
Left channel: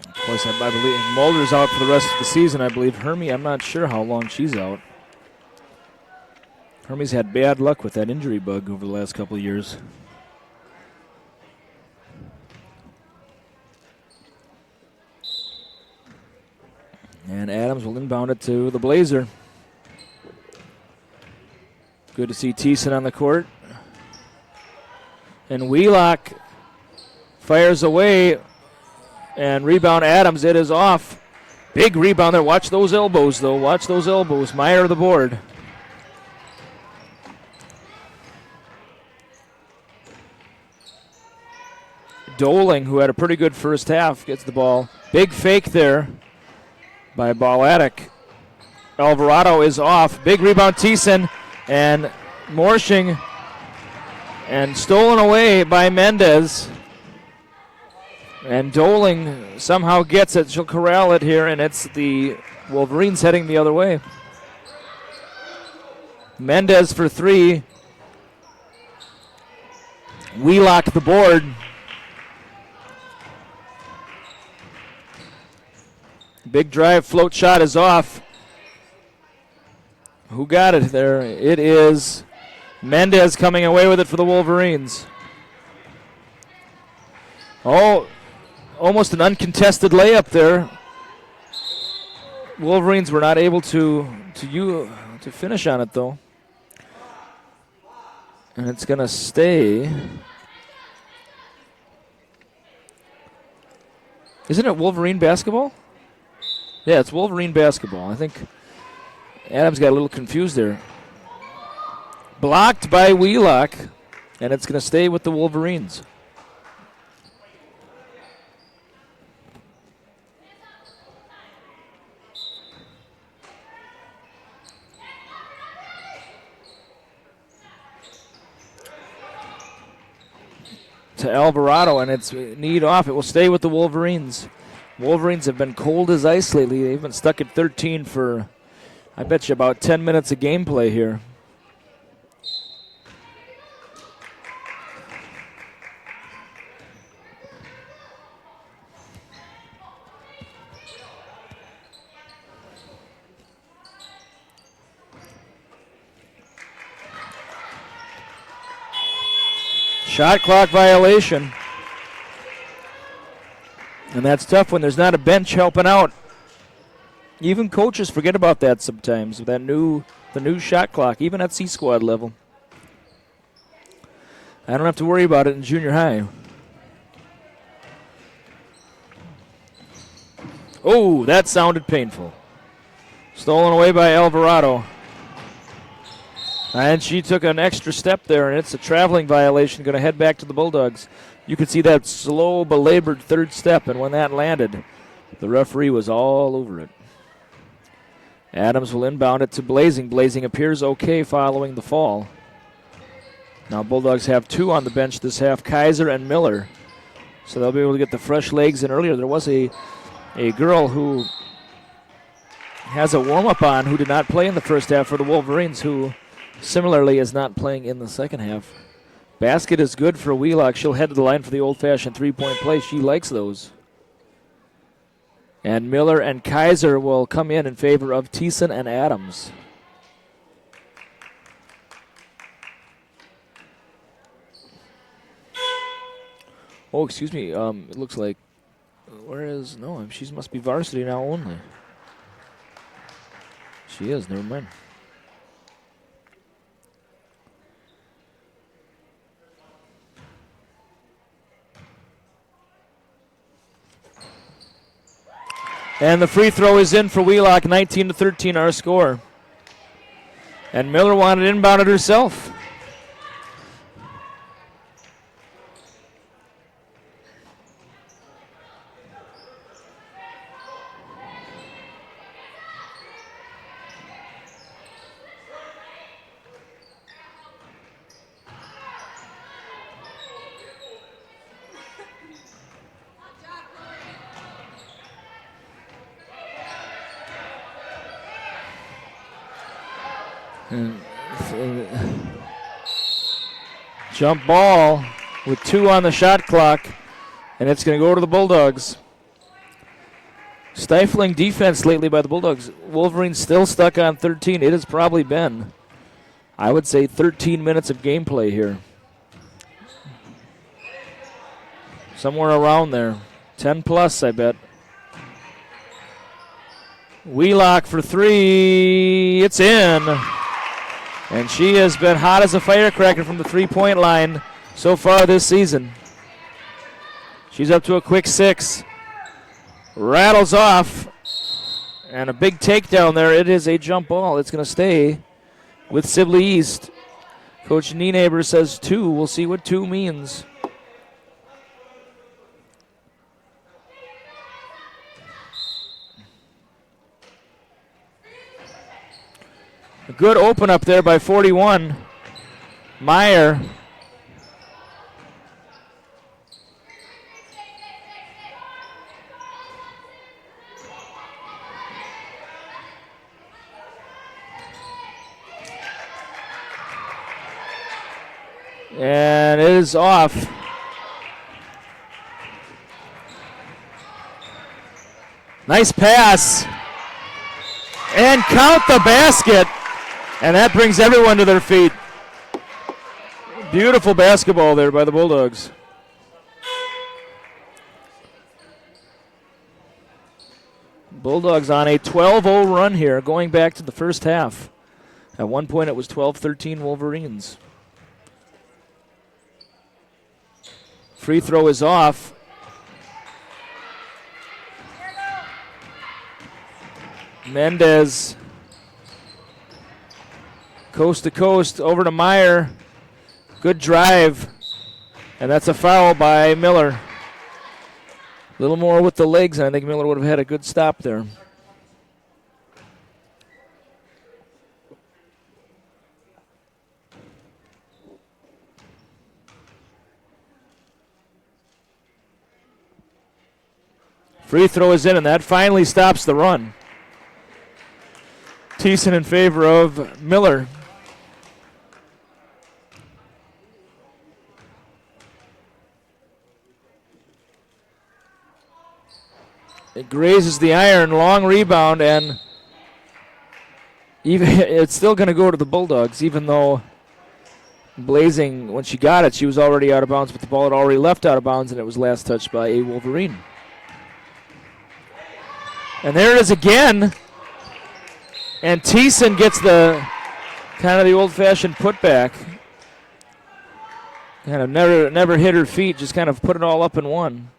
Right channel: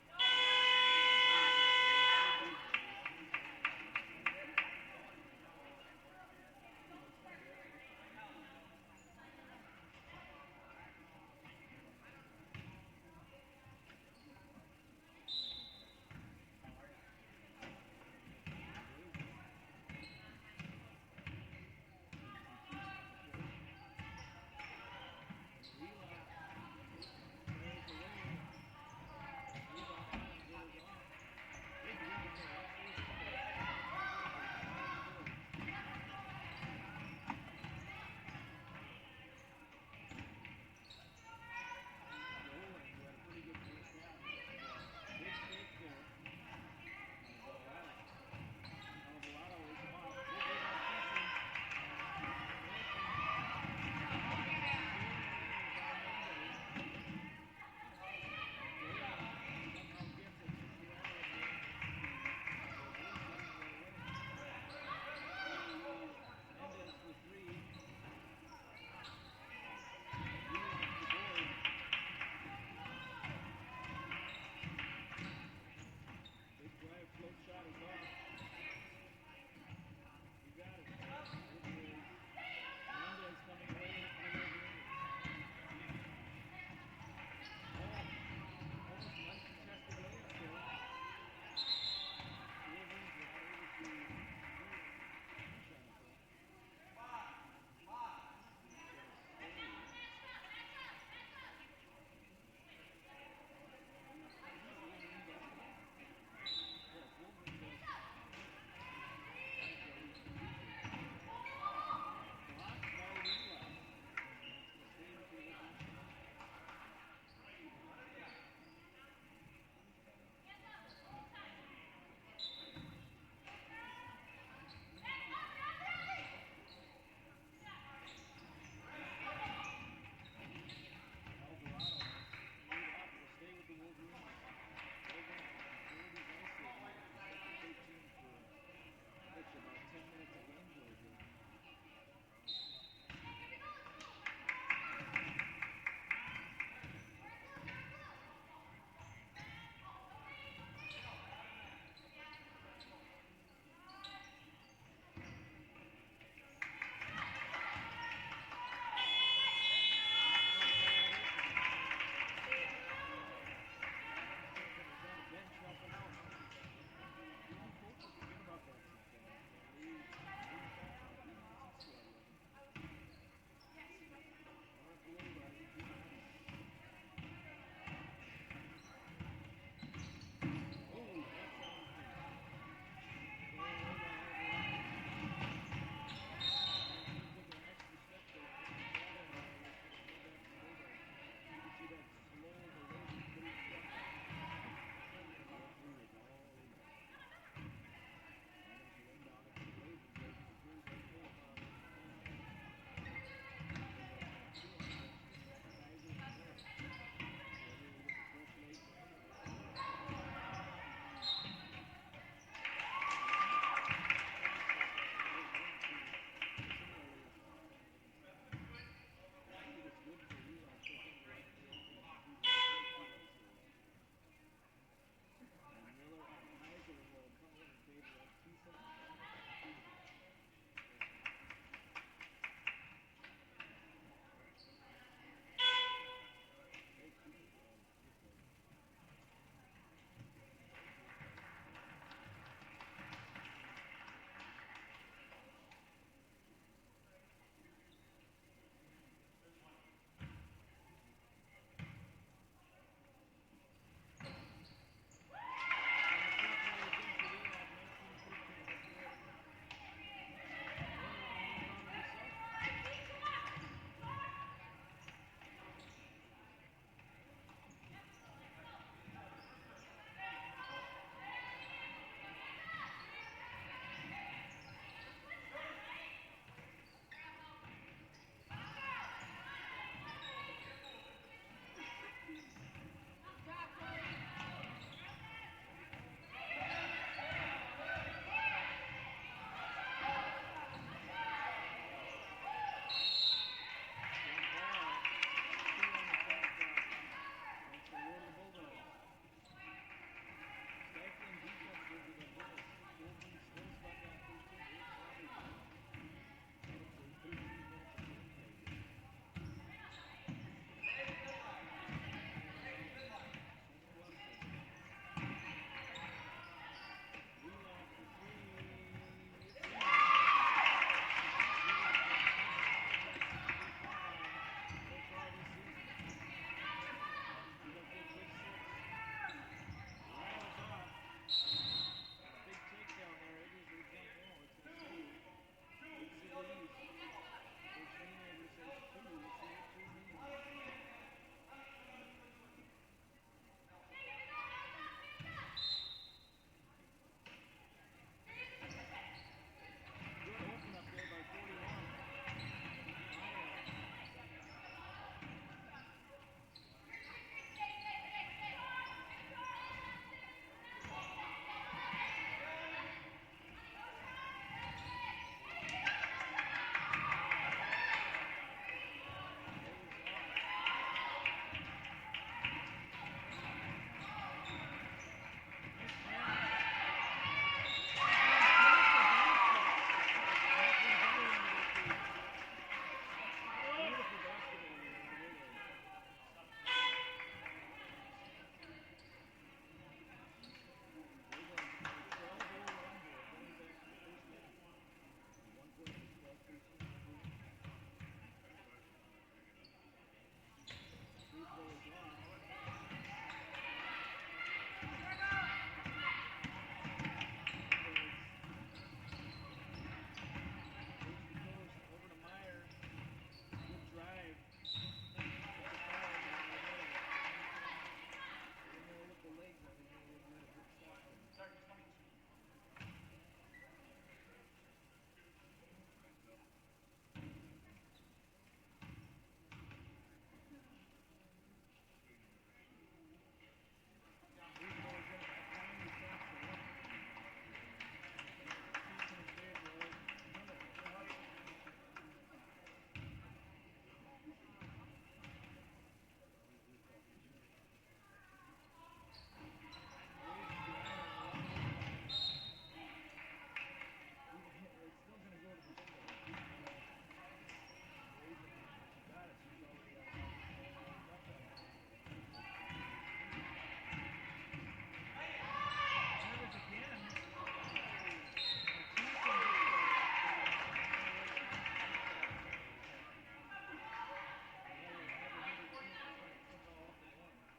Of course, I believe Mulder's out for the rest of the season. I believe Hermy, I'm not sure how long she's out. Hermy's had bad luck with that injury bug over the last couple of years. And Adams will inbound it to the Blazer. Good to see Thiessen on the court. And Wheelock fires away. And rebound Adams. It is off. Big rebound there. Watch those elbows, though. Watch those elbows. Meyer of the board. Doling, who had a pretty good first half, gets the ball. Big fake there by Balatic. Alvarado is off. Big rebound, Thiessen, and Morshing, and stolen away by Mendez. And Doling somehow gets it. She'll corral it here, and it's the Wolverines heading the other way. Mendez for three. Wheelock the board. Big drive, float shot is off. Who got it there? It is Mendez coming away with it for the Wolverines. Oh, almost an uncontested layup there. Wolverines were not able to finish on it, though. And it's going to stay. Isn't it Wolverine basketball? Yeah, it's Wolverine basketball. I think Adams got a little confused there. Blocked by Wheelock, and it's going to stay with the Wolverines. To Alvarado, and it's need off. It will stay with the Wolverines. Wolverines have been cold as ice lately. They've been stuck at 13 for, I bet you, about 10 minutes of gameplay here. Shot clock violation. And that's tough when there's not a bench helping out. Even coaches forget about that sometimes, the new shot clock, even at C-squad level. I don't have to worry about it in junior high. Oh, that sounded painful. Stolen away by Alvarado. And she took an extra step there, and it's a traveling violation, going to head back to the Bulldogs. You could see that slow, belabored third step, and when that landed, the referee was all over it. Adams will inbound it to Blazing. Blazing appears okay following the fall. Now Bulldogs have two on the bench this half, Kaiser and Miller. So they'll be able to get the fresh legs in earlier. There was a girl who has a warm-up on who did not play in the first half for the Wolverines, who similarly is not playing in the second half. Basket is good for Wheelock. She'll head to the line for the old-fashioned three-point play. She likes those. And Miller and Kaiser will come in favor of Thiessen and Adams. Oh, excuse me. It looks like, where says no. She must be varsity now only. She is. Never mind. And the free throw is in for Wheelock, 19-13 our score. And Miller wanted inbounded herself. Jump ball with 2 on the shot clock, and it's going to go to the Bulldogs. Stifling defense lately by the Bulldogs. Wolverines still stuck on 13. It has probably been, I would say, 13 minutes of gameplay here. Somewhere around there. 10 plus, I bet. Wheelock for 3. It's in. And she has been hot as a firecracker from the three-point line so far this season. She's up to a quick 6. Rattles off. And a big takedown there. It is a jump ball. It's going to stay with Sibley East. Coach Nienaber says 2. We'll see what 2 means. A good open up there by 41. Meyer. And it is off. Nice pass. And count the basket. And that brings everyone to their feet. Beautiful basketball there by the Bulldogs. Bulldogs on a 12-0 run here, going back to the first half. At one point it was 12-13 Wolverines. Free throw is off. Mendez. Coast to coast, over to Meyer. Good drive. And that's a foul by Miller. A little more with the legs, and I think Miller would have had a good stop there. Free throw is in, and that finally stops the run. Thiessen in favor of Miller. It grazes the iron, long rebound, and even it's still going to go to the Bulldogs, even though Blazing, when she got it, she was already out of bounds, but the ball had already left out of bounds, and it was last touched by a Wolverine. And there it is again. And Thiessen gets the kind of the old-fashioned putback. Kind of never hit her feet, just kind of put it all up in one.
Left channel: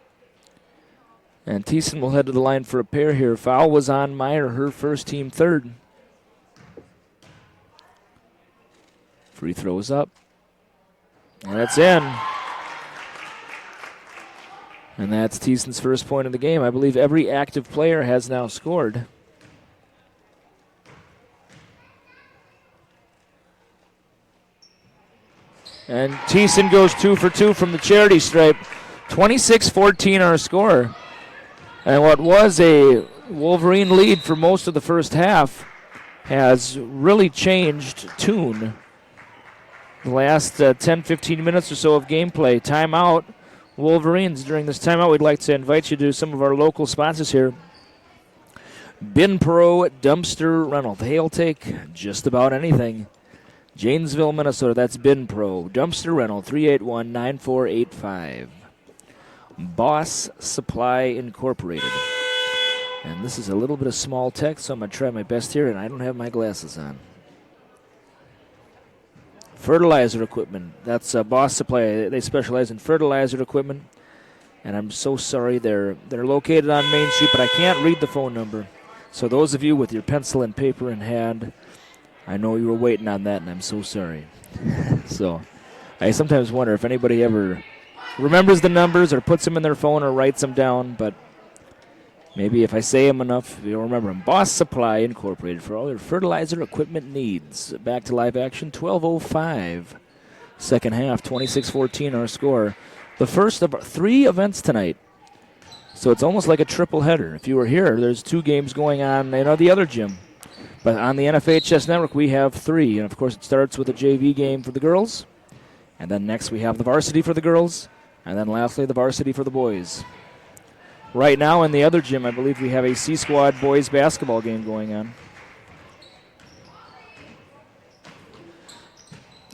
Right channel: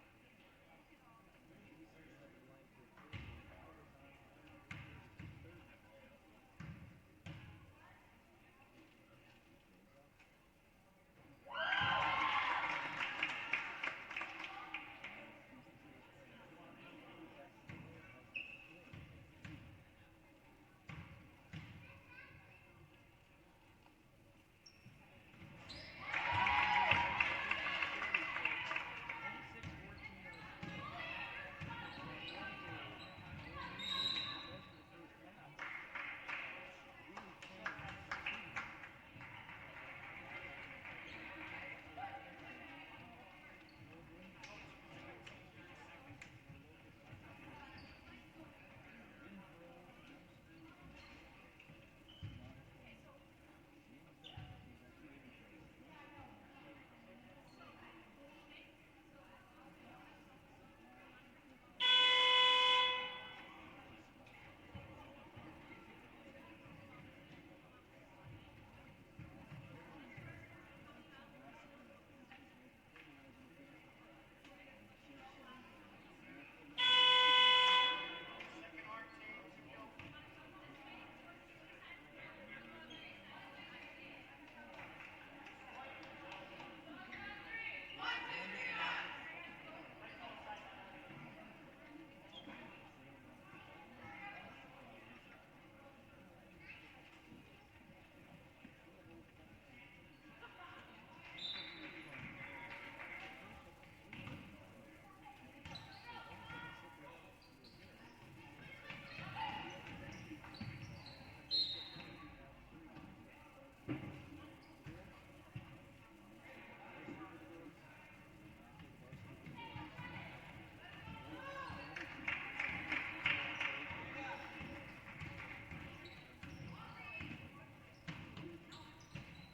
And Thiessen will head to the line for a pair here. Foul was on Meyer, her first, team third. Free throw is up. And that's in. And that's Thiessen's first point of the game. I believe every active player has now scored. And Thiessen goes 2 for 2 from the charity stripe. 26-14 our score. And what was a Wolverine lead for most of the first half has really changed tune. The last 10-15 minutes or so of gameplay. Timeout, Wolverines. During this timeout, we'd like to invite you to some of our local sponsors here. Bin Pro Dumpster Rental. They'll take just about anything. Janesville, Minnesota. That's Bin Pro Dumpster Rental, 381-9485. Boss Supply Incorporated. And this is a little bit of small text, so I'm going to try my best here, and I don't have my glasses on. Fertilizer equipment. That's Boss Supply. They specialize in fertilizer equipment. And I'm so sorry. They're located on Main Street, but I can't read the phone number. So those of you with your pencil and paper in hand, I know you were waiting on that, and I'm so sorry. So I sometimes wonder if anybody ever remembers the numbers or puts them in their phone or writes them down, but maybe if I say them enough, you'll remember them. Boss Supply Incorporated for all your fertilizer equipment needs. Back to live action, 12:05. Second half, 26-14 our score. The first of 3 events tonight. So it's almost like a triple header. If you were here, there's 2 games going on in the other gym. But on the NFHS network, we have 3. And, of course, it starts with a JV game for the girls. And then next we have the varsity for the girls. And then lastly, the varsity for the boys. Right now in the other gym, I believe we have a C-Squad boys basketball game going on.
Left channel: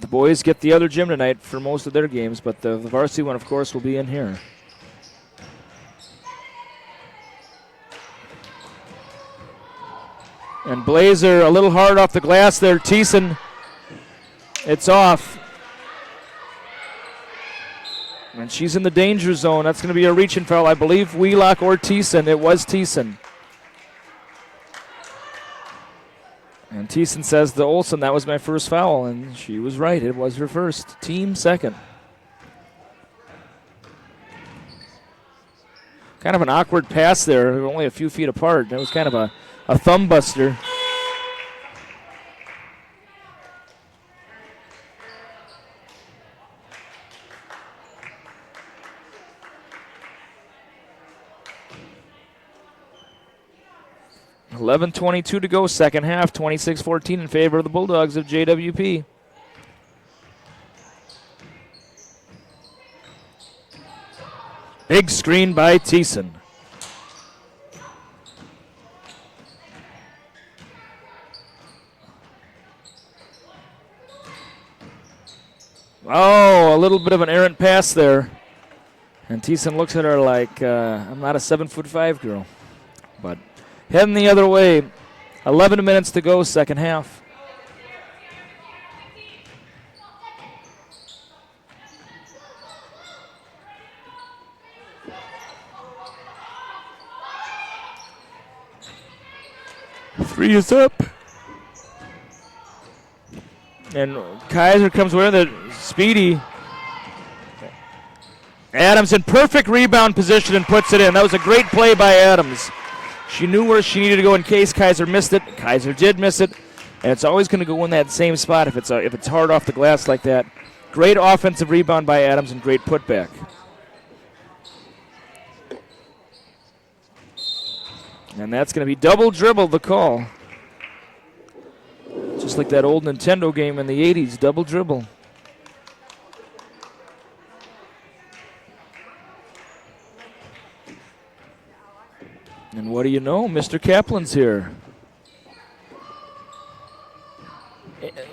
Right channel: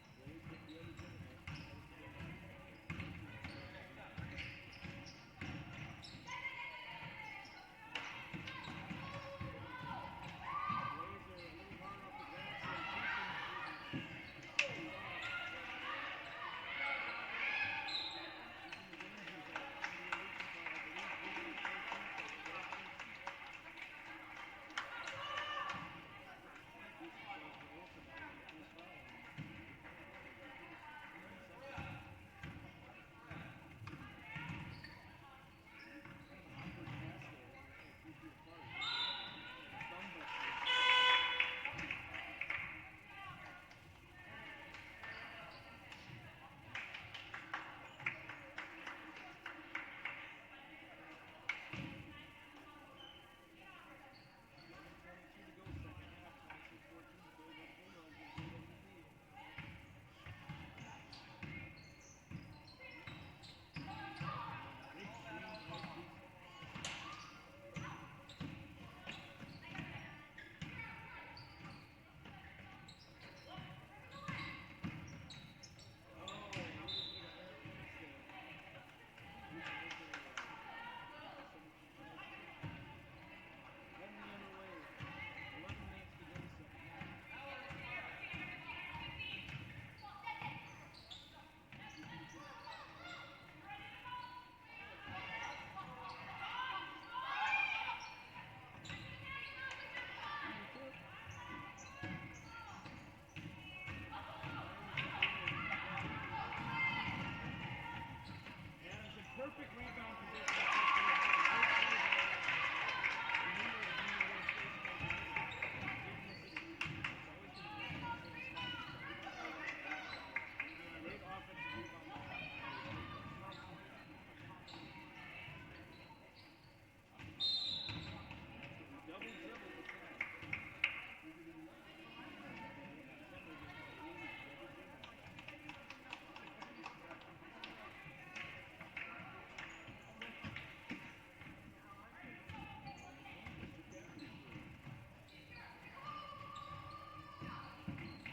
The boys get the other gym tonight for most of their games, but the varsity one, of course, will be in here. And Blazer a little hard off the glass there. Thiessen, it's off. And she's in the danger zone. That's going to be a reaching foul. I believe Wheelock or Thiessen. It was Thiessen. And Thiessen says to Olsen, that was my first foul. And she was right. It was her first. Team second. Kind of an awkward pass there. Only a few feet apart. It was kind of a thumb buster. .11:22 to go, second half, 26-14 in favor of the Bulldogs of JWP. Big screen by Thiessen. Oh, a little bit of an errant pass there. And Thiessen looks at her like, I'm not a 7'5" girl. But heading the other way. 11 minutes to go, second half. Three is up. And Kaiser comes with it. Speedy. Adams in perfect rebound position and puts it in. That was a great play by Adams. She knew where she needed to go in case Kaiser missed it. Kaiser did miss it. And it's always going to go in that same spot if it's hard off the glass like that. Great offensive rebound by Adams and great putback. And that's going to be double dribble, the call. Just like that old Nintendo game in the 80s, double dribble. And what do you know? Mr. Kaplan's here.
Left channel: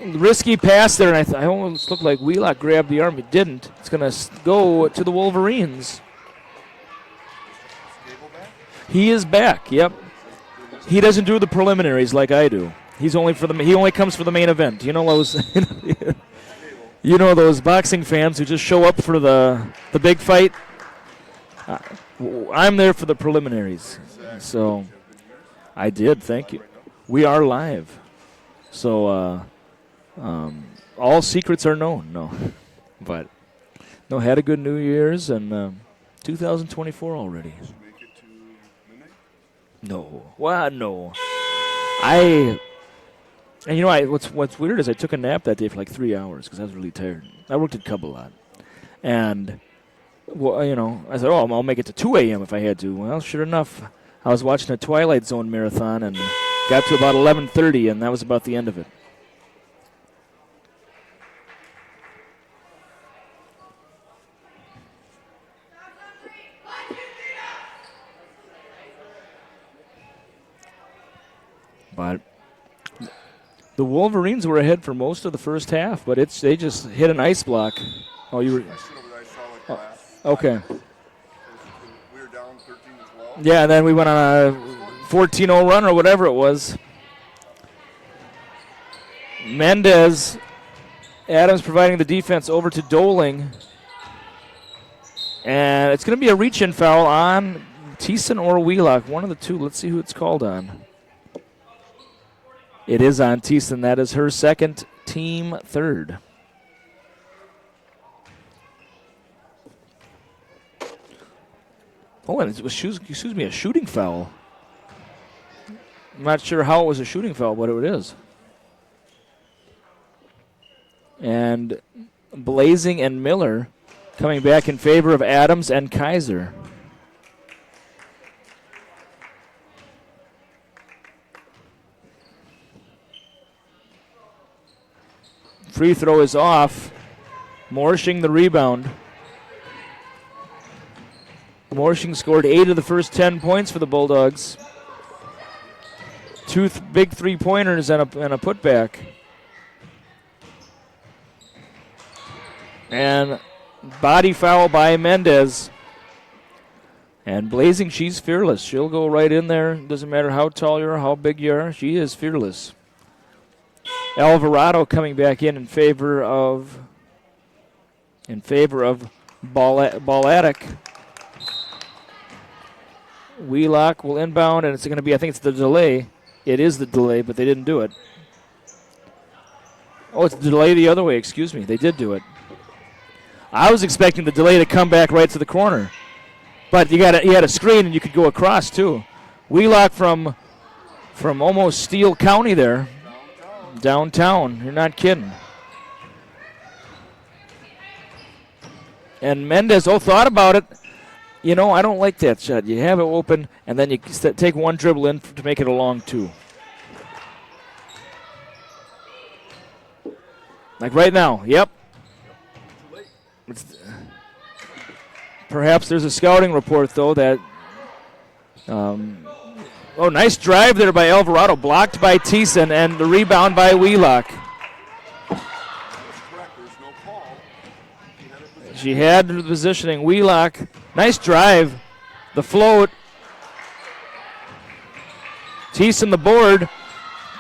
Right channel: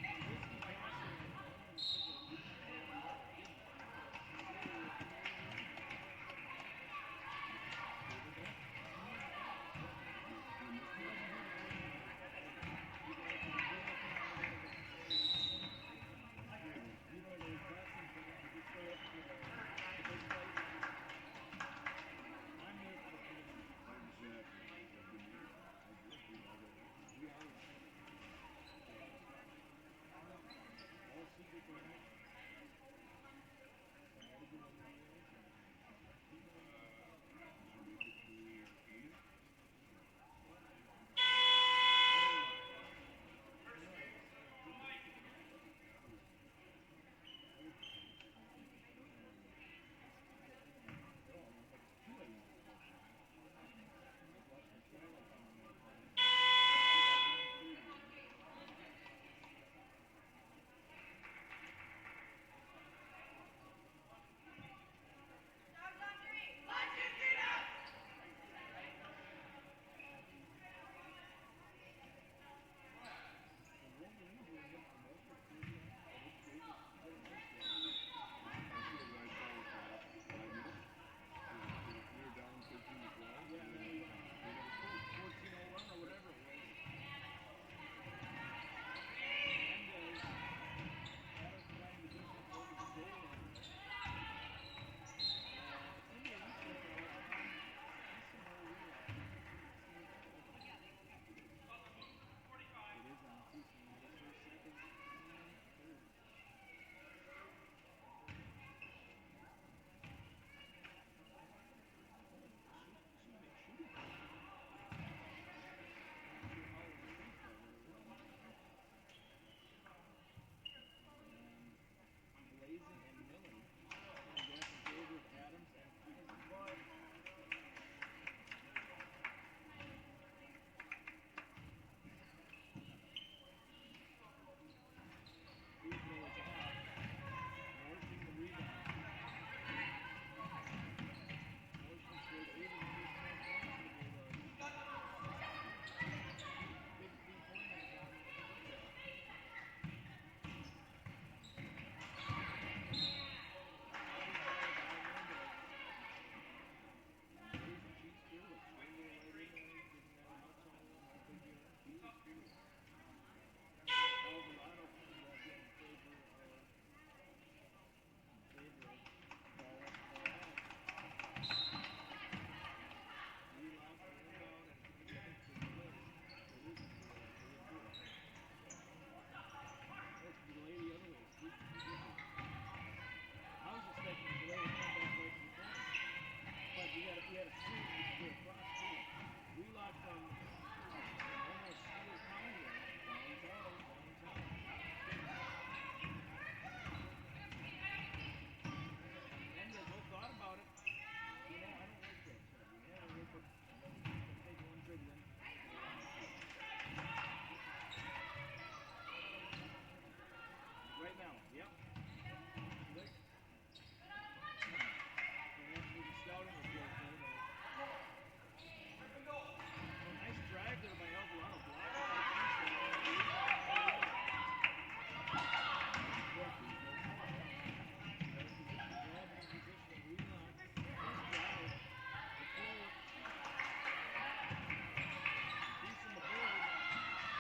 Risky pass there, and I almost looked like Wheelock grabbed the arm. It didn't. It's going to go to the Wolverines. He is back, yep. He doesn't do the preliminaries like I do. He only comes for the main event. You know those those boxing fans who just show up for the big fight? I'm there for the preliminaries. So I did, thank you. We are live. So all secrets are known, no. But no, had a good New Year's and 2024 already. No. Well, no. What's weird is I took a nap that day for like 3 hours because I was really tired. I worked at Cub a lot. And, I said, I'll make it to 2 a.m. if I had to. Well, sure enough, I was watching a Twilight Zone marathon and got to about 11:30, and that was about the end of it. But the Wolverines were ahead for most of the first half, but they just hit an ice block. Oh, you were. Oh, okay. Yeah, and then we went on a 14-0 run or whatever it was. Mendez, Adams providing the defense over to Doling. And it's going to be a reach-in foul on Thiessen or Wheelock, one of the two. Let's see who it's called on. It is on Thiessen. That is her second, team third. Oh, and it was, a shooting foul. I'm not sure how it was a shooting foul, but it is. And Blazing and Miller coming back in favor of Adams and Kaiser. Free throw is off. Morshing the rebound. Morshing scored 8 of the first 10 points for the Bulldogs. Two big three-pointers and a putback. And body foul by Mendez. And Blazing, she's fearless. She'll go right in there. Doesn't matter how tall you are, how big you are. She is fearless. Alvarado coming back in favor of Balatic. Wheelock will inbound, and it's going to be, I think it's the delay. It is the delay, but they didn't do it. Oh, it's the delay the other way. Excuse me. They did do it. I was expecting the delay to come back right to the corner. But you had a screen, and you could go across, too. Wheelock from almost Steele County there. Downtown. You're not kidding. And Mendez, thought about it. You know, I don't like that shot. You have it open, and then you take one dribble in to make it a long two. Like right now. Yep. Perhaps there's a scouting report, though, that... nice drive there by Alvarado. Blocked by Thiessen, and the rebound by Wheelock. She had the positioning. Wheelock, nice drive. The float. Thiessen the board,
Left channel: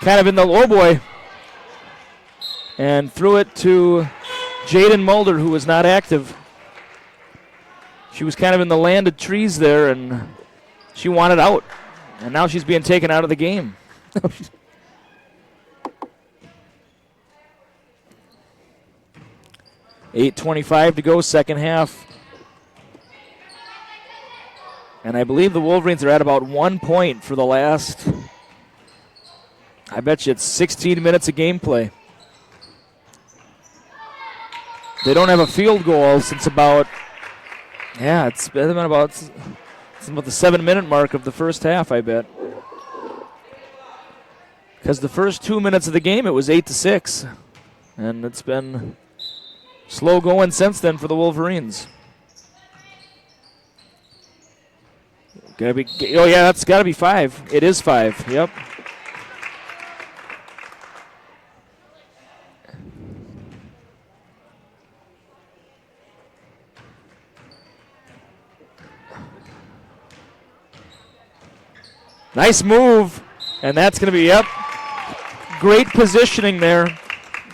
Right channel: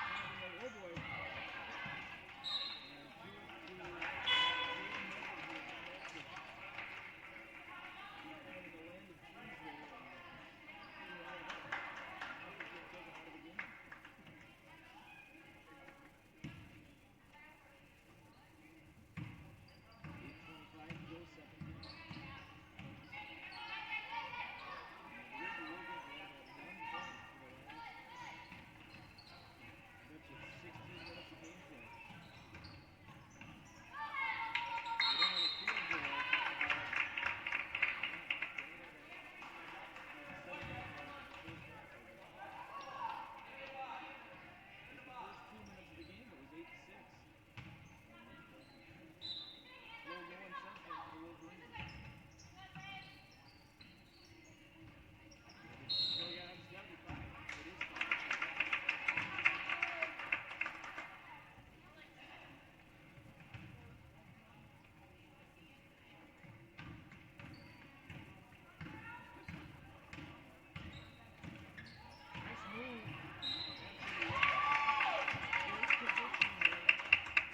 kind of in the low boy. And threw it to Jaden Mulder, who was not active. She was kind of in the land of trees there, and she wanted out. And now she's being taken out of the game. 8:25 to go, second half. And I believe the Wolverines are at about 1 point for the last, I bet you it's 16 minutes of gameplay. They don't have a field goal since about, it's been about the 7-minute mark of the first half, I bet. Because the first 2 minutes of the game, it was 8-6. And it's been slow going since then for the Wolverines. That's got to be 5. It is 5, yep. Nice move, and that's going to be, great positioning there.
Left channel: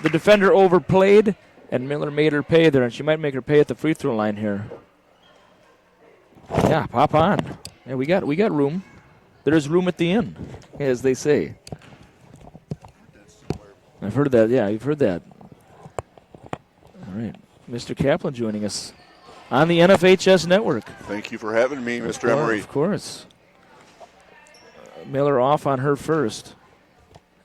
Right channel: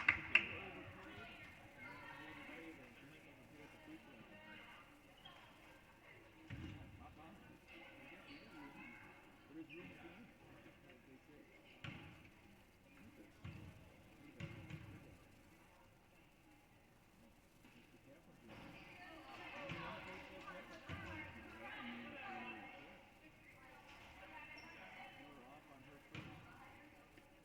The defender overplayed, and Miller made her pay there, and she might make her pay at the free throw line here. Yeah, pop on. Yeah, we got room. There's room at the inn, as they say. I've heard that. Yeah, you've heard that. All right, Mr. Kaplan joining us on the NFHS network. Thank you for having me, Mr. Emery. Of course. Miller off on her first.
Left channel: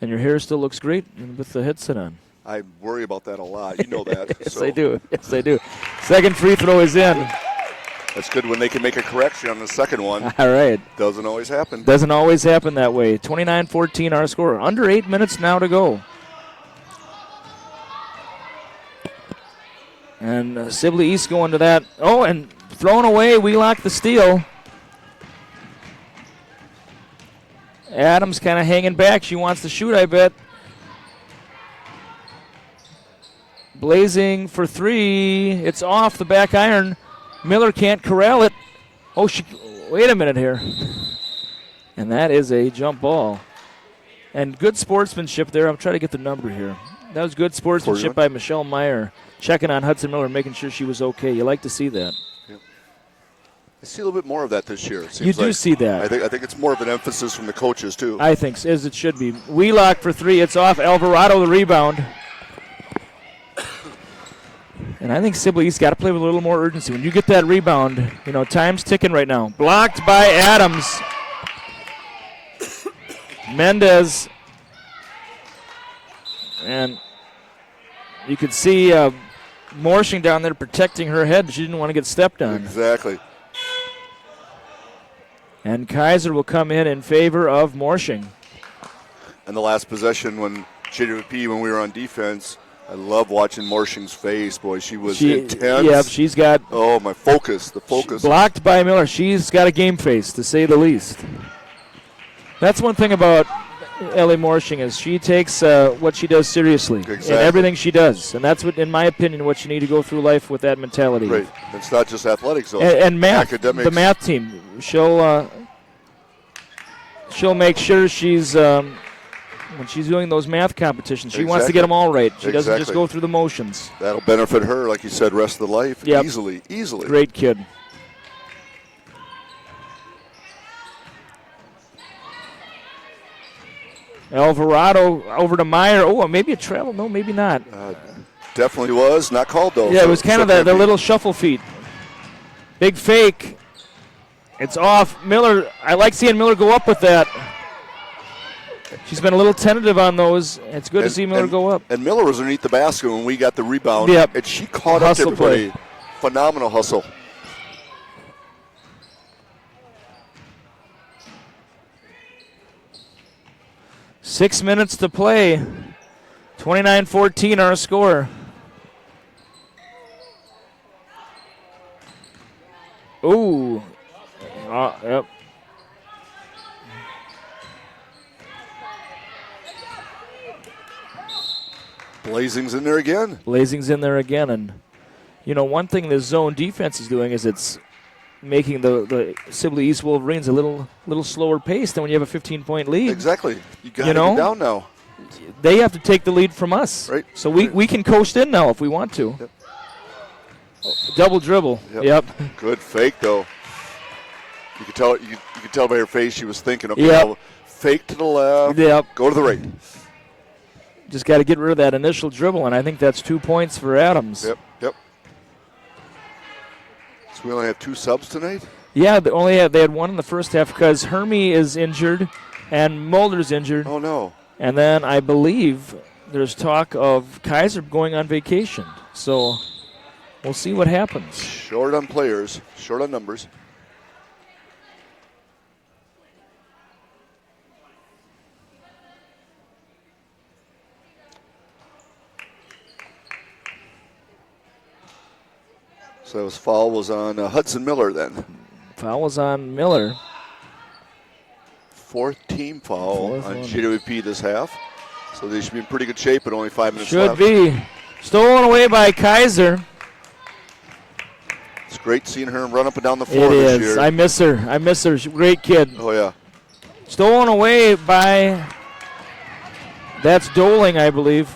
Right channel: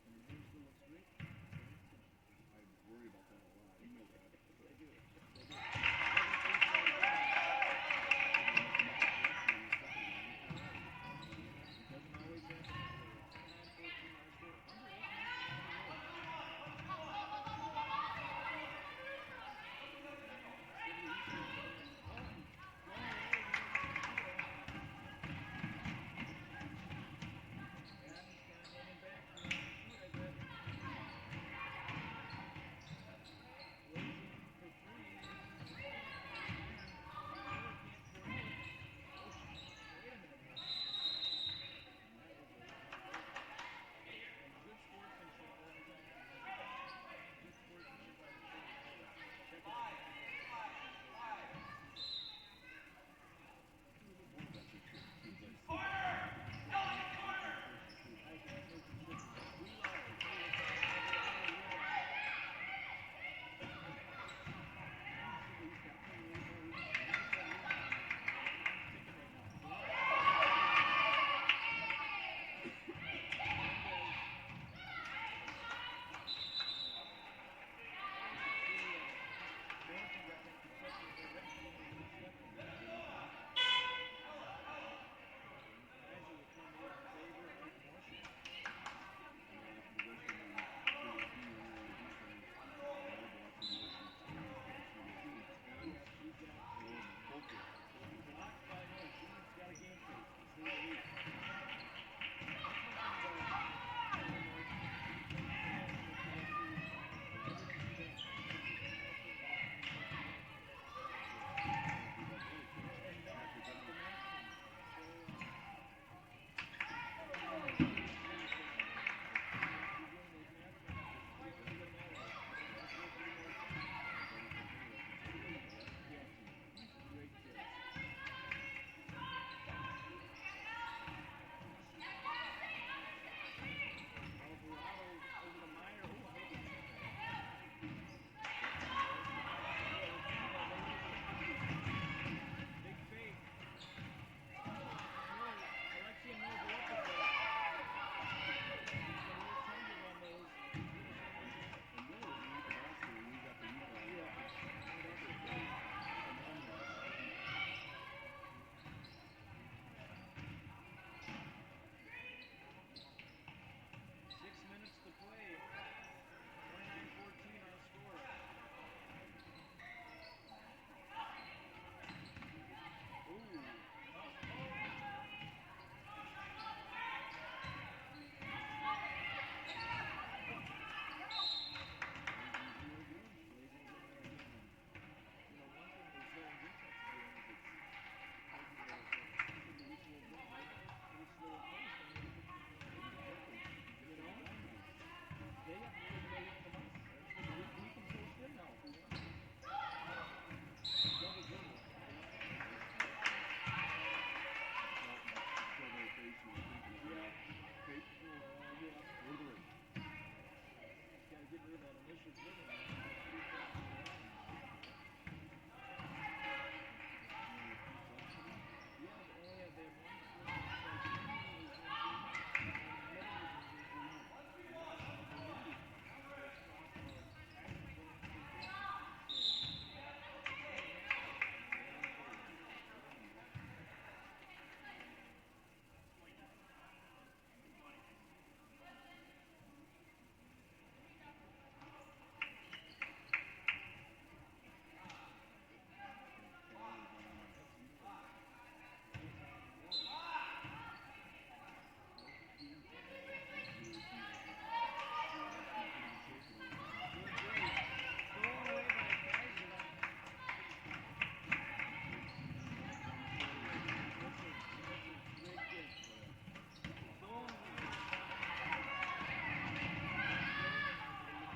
And your hair still looks great with the headset on. I worry about that a lot. You know that. Yes, I do. Yes, I do. Second free throw is in. That's good when they can make a correction on the second one. All right. Doesn't always happen. Doesn't always happen that way. 29-14 our score. Under 8 minutes now to go. And Sibley East going to that. Oh, and thrown away. Wheelock the steal. Adams kind of hanging back. She wants to shoot, I bet. Blazing for 3. It's off the back iron. Miller can't corral it. wait a minute here. And that is a jump ball. And good sportsmanship there. I'm trying to get the number here. That was good sportsmanship by Michelle Meyer, checking on Hudson Miller, making sure she was okay. You like to see that. Yep. I see a little bit more of that this year. You do see that. I think it's more of an emphasis from the coaches, too. I think, as it should be. Wheelock for 3. It's off. Alvarado the rebound. And I think Sibley's got to play with a little more urgency. When you get that rebound, time's ticking right now. Blocked by Adams. Mendez. And you could see Morshing down there protecting her head. She didn't want to get stepped on. Exactly. And Kaiser will come in favor of Morshing. And the last possession when JWP, when we were on defense, I love watching Morshing's face. Boy, she was intense. Yeah, she's got... Oh, the focus. Blocked by Miller. She's got a game face, to say the least. That's one thing about Ellie Morshing is she takes what she does seriously in everything she does. And that's, what, in my opinion, what you need to go through life with that mentality. Right. It's not just athletics, though. And math, academics. The math team. She'll make sure she's... when she's doing those math competitions, she wants to get them all right. She doesn't just go through the motions. That'll benefit her, like you said, rest of the life. Yep. Easily. Great kid. Alvarado over to Meyer. Oh, maybe a travel. No, maybe not. Definitely was. Not called, though. Yeah, it was kind of the little shuffle feet. Big fake. It's off. Miller, I like seeing Miller go up with that. She's been a little tentative on those. It's good to see Miller go up. And Miller was underneath the basket when we got the rebound. Yep. And she caught up to everybody. Phenomenal hustle. Six minutes to play. 29-14 our score. Ooh. Yep. Blazing's in there again. And, one thing the zone defense is doing is it's making the Sibley East Wolverines a little slower pace than when you have a 15-point lead. Exactly. You got to get down now. They have to take the lead from us. Right. So we can coast in now if we want to. Yep. Double dribble. Yep. Good fake, though. You could tell. You could tell by her face she was thinking, okay, fake to the left. Yep. Go to the right. Just got to get rid of that initial dribble, and I think that's 2 points for Adams. Yep. So we only have 2 subs tonight? Yeah, they had one in the first half because Hermie is injured and Mulder's injured. Oh, no. And then I believe there's talk of Kaiser going on vacation. So we'll see what happens. Short on players, short on numbers. So his foul was on Hudson Miller then. Foul was on Miller. 4th team foul on JWP this half. So they should be in pretty good shape, but only 5 minutes left. Should be. Stolen away by Kaiser. It's great seeing her run up and down the floor this year. I miss her. She's a great kid. Oh, yeah. Stolen away by, that's Doling, I believe.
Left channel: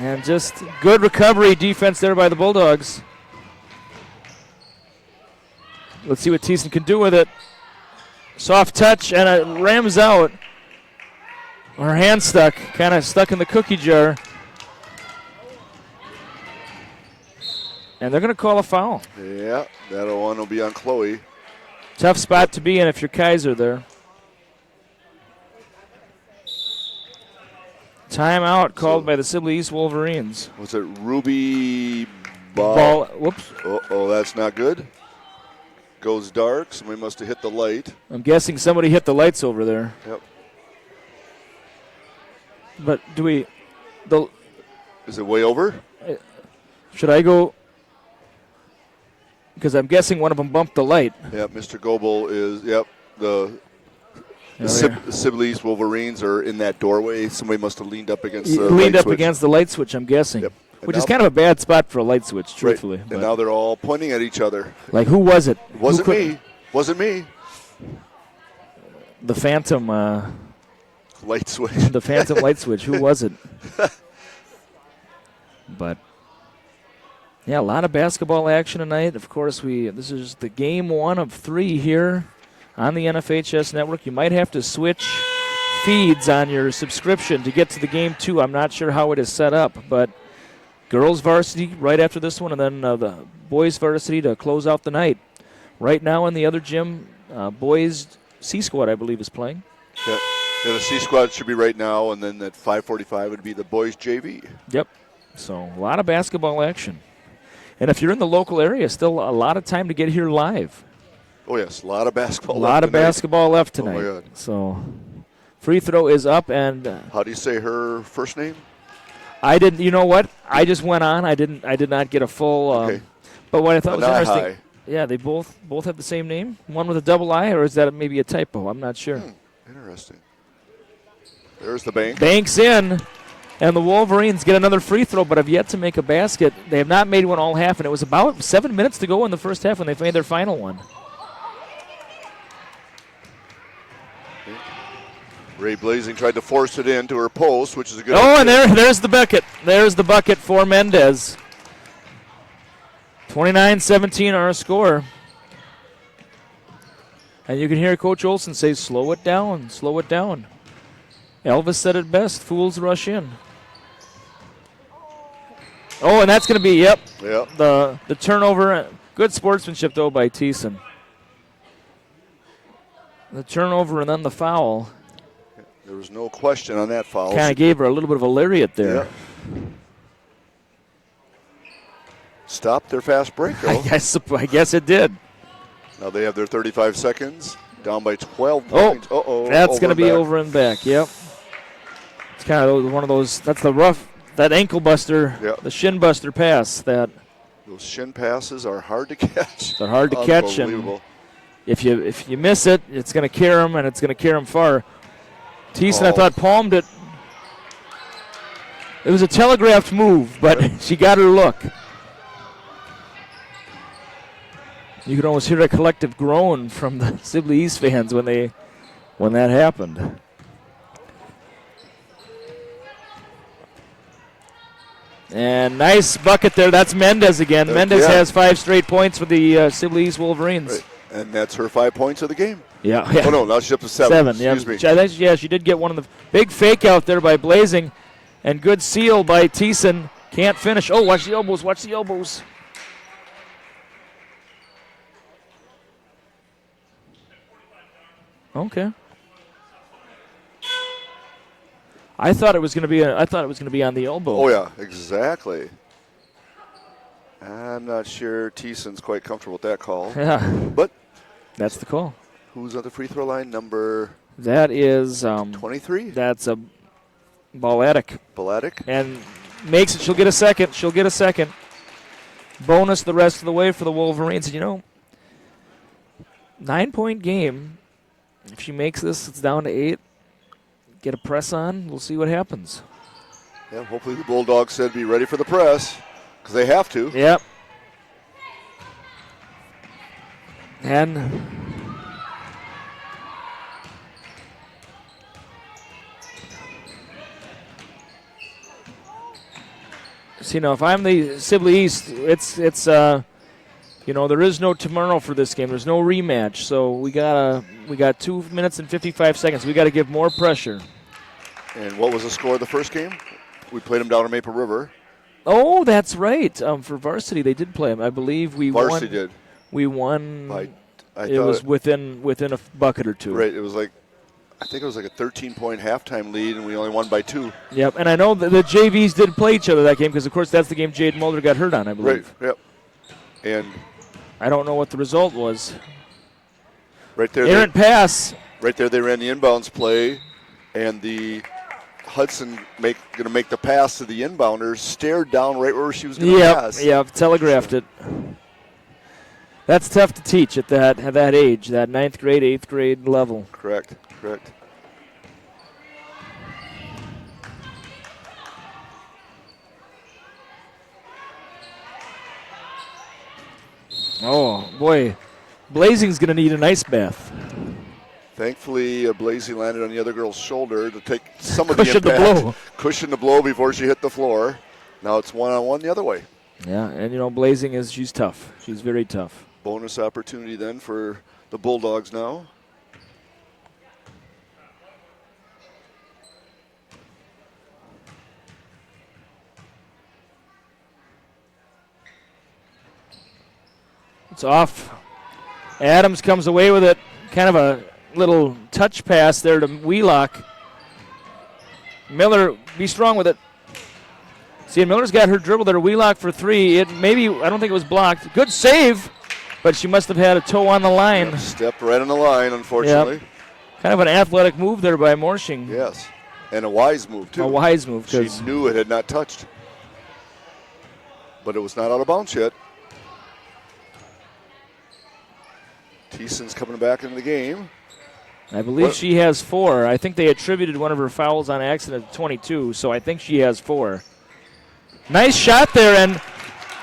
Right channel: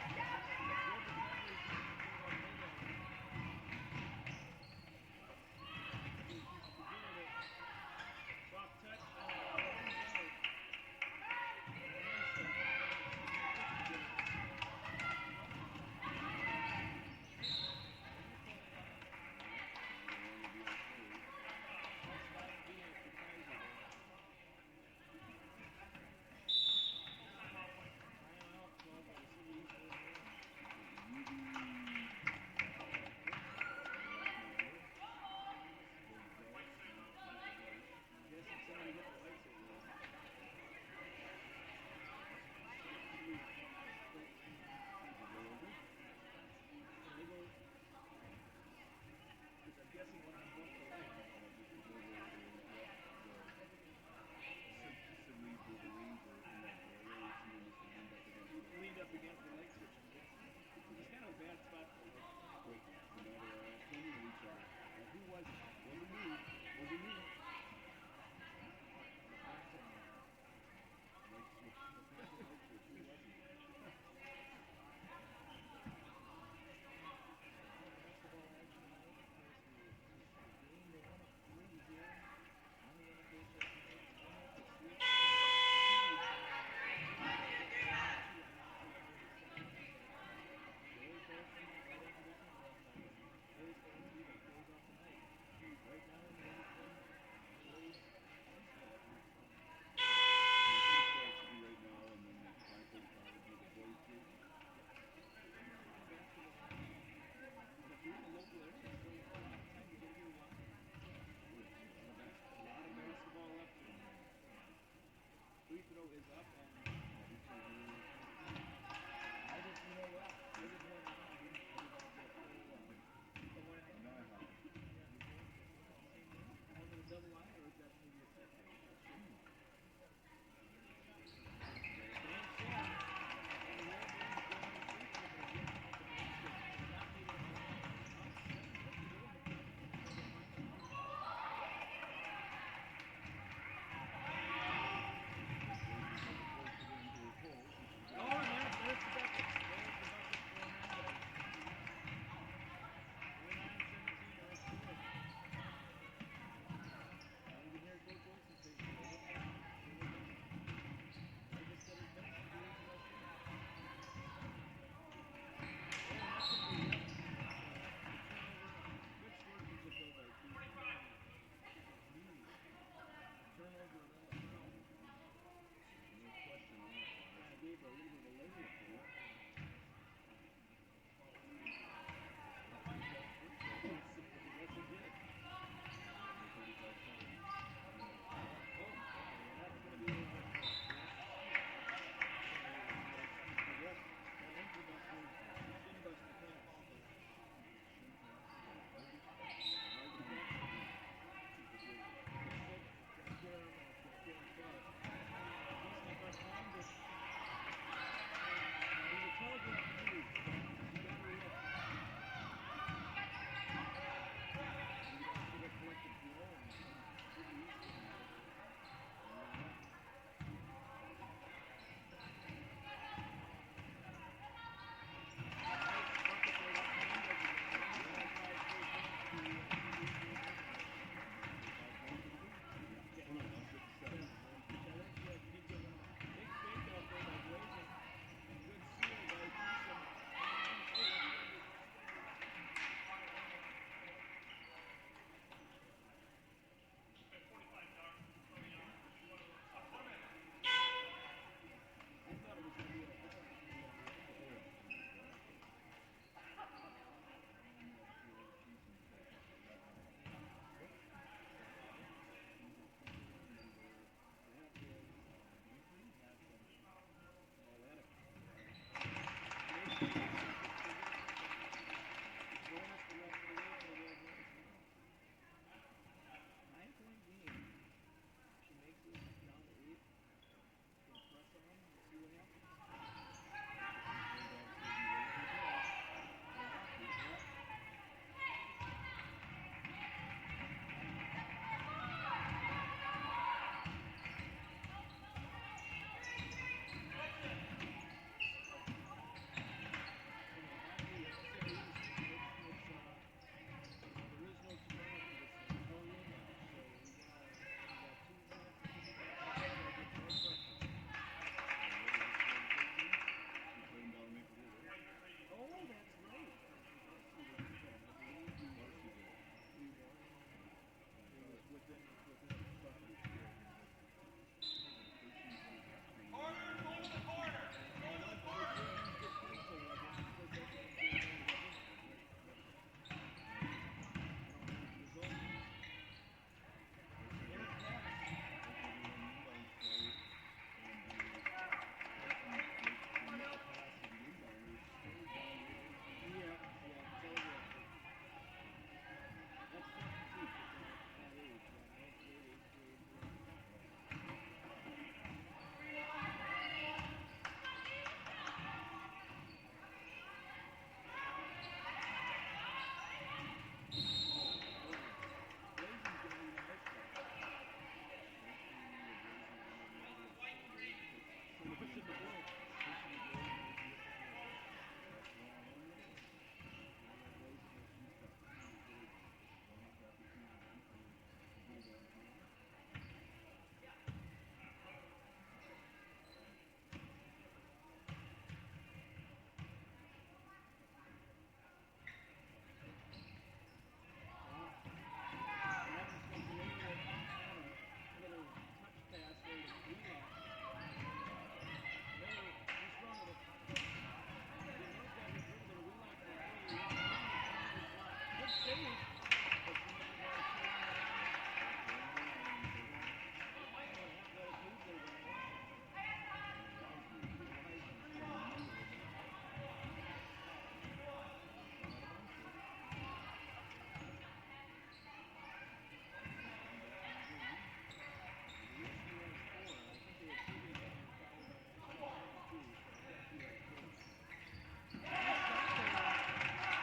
And just good recovery defense there by the Bulldogs. Let's see what Thiessen can do with it. Soft touch, and it rams out. Her hand stuck, kind of stuck in the cookie jar. And they're going to call a foul. Yeah, that one will be on Chloe. Tough spot to be in if you're Kaiser there. Timeout called by the Sibley East Wolverines. Was it Ruby Ball? Whoops. Oh, that's not good. Goes dark. Somebody must have hit the light. I'm guessing somebody hit the lights over there. Yep. But Is it way over? Should I go? Because I'm guessing one of them bumped the light. Yep, Mr. Goebel is, the Sibley East Wolverines are in that doorway. Somebody must have leaned up against the light switch. Against the light switch, I'm guessing. Yep. Which is kind of a bad spot for a light switch, truthfully. Right. And now they're all pointing at each other. Like, who was it? It wasn't me. Wasn't me. The Phantom. Light switch. The Phantom light switch. Who was it? But, yeah, a lot of basketball action tonight. Of course, this is the game 1 of 3 here on the NFHS network. You might have to switch feeds on your subscription to get to the game 2. I'm not sure how it is set up, but girls varsity right after this one, and then the boys varsity to close out the night. Right now in the other gym, boys C squad, I believe, is playing. Yeah, the C squad should be right now, and then at 5:45 would be the boys JV. Yep. So a lot of basketball action. And if you're in the local area, still a lot of time to get here live. Oh, yes, a lot of basketball left. A lot of basketball left tonight. Oh, my God. So free throw is up. And how do you say her first name? I didn't. You know what? I just went on. I did not get a full. Okay. But what I thought was interesting. High. Yeah, they both have the same name. One with a double I, or is that maybe a typo? I'm not sure. Interesting. There's the bank. Bank's in, and the Wolverines get another free throw, but have yet to make a basket. They have not made one all half, and it was about 7 minutes to go in the first half when they made their final one. Ray Blazing tried to force it into her post, which is a good. Oh, and there's the bucket. There's the bucket for Mendez. 29-17 our score. And you can hear Coach Olson say, slow it down, slow it down. Elvis said it best, fools rush in. Oh, and that's going to be, yep. The turnover. Good sportsmanship, though, by Thiessen. The turnover and then the foul. There was no question on that foul. Kind of gave her a little bit of a lariat there. Yeah. Stopped their fast break, though. I guess it did. Now they have their 35 seconds, down by 12 points. Oh, that's going to be over and back, yep. It's kind of one of those, that's the rough, that ankle buster, the shin buster pass. Those shin passes are hard to catch. They're hard to catch, and if you miss it, it's going to carry them, and it's going to carry them far. Thiessen, I thought, palmed it. It was a telegraphed move, but she got her look. You could almost hear a collective groan from the Sibley East fans when that happened. And nice bucket there. That's Mendez again. Mendez has 5 straight points for the Sibley East Wolverines. Right. And that's her 5 points of the game. Yeah. Oh, no, now she's up to 7. Excuse me. I think, she did get one of the big fake out there by Blazing. And good seal by Thiessen. Can't finish. Oh, watch the elbows. Watch the elbows. Okay. I thought it was going to be on the elbow. Oh yeah, exactly. I'm not sure Thiessen's quite comfortable with that call. Yeah. But that's the call. Who's on the free throw line? Number that is 23. That's a Balatic. And makes it. She'll get a second. Bonus the rest of the way for the Wolverines. And 9-point game. If she makes this, it's down to 8. Get a press on. We'll see what happens. Yeah, hopefully the Bulldogs said be ready for the press because they have to. Yep. And if I'm the Sibley East, it's there is no tomorrow for this game. There's no rematch, so we got 2 minutes and 55 seconds. We got to give more pressure. And what was the score of the first game? We played them down in Maple River. Oh, that's right. For Varsity, they did play them. I believe we won. Varsity did. We won. It was within a bucket or 2. Right. It was I think it was like a 13-point halftime lead, and we only won by 2. Yep. And I know the JVs did play each other that game because, of course, that's the game Jade Mulder got hurt on, I believe. Right. Yep. And I don't know what the result was. Right there. Errant pass. Right there, they ran the inbounds play, and the Hudson going to make the pass to the inbounders, stared down right where she was going to pass. Yep, telegraphed it. That's tough to teach at that age, that 9th grade, 8th grade level. Correct. Oh, boy. Blazing's going to need an ice bath. Thankfully, Blazing landed on the other girl's shoulder to take some of Cushion the impact. The blow. Cushion the blow before she hit the floor. Now it's one-on-one the other way. Yeah, and Blazing she's tough. She's very tough. Bonus opportunity then for the Bulldogs now. It's off. Adams comes away with it. Kind of a little touch pass there to Wheelock. Miller, be strong with it. See, Miller's got her dribble there. Wheelock for three. I don't think it was blocked. Good save, but she must have had a toe on the line. Yeah, stepped right on the line, unfortunately. Yep. Kind of an athletic move there by Morshing. Yes, and a wise move, too. A wise move. She knew it had not touched. But it was not out of bounds yet. Thiessen's coming back into the game. I believe she has 4. I think they attributed one of her fouls on accident to 22, so I think she has 4. Nice shot there, and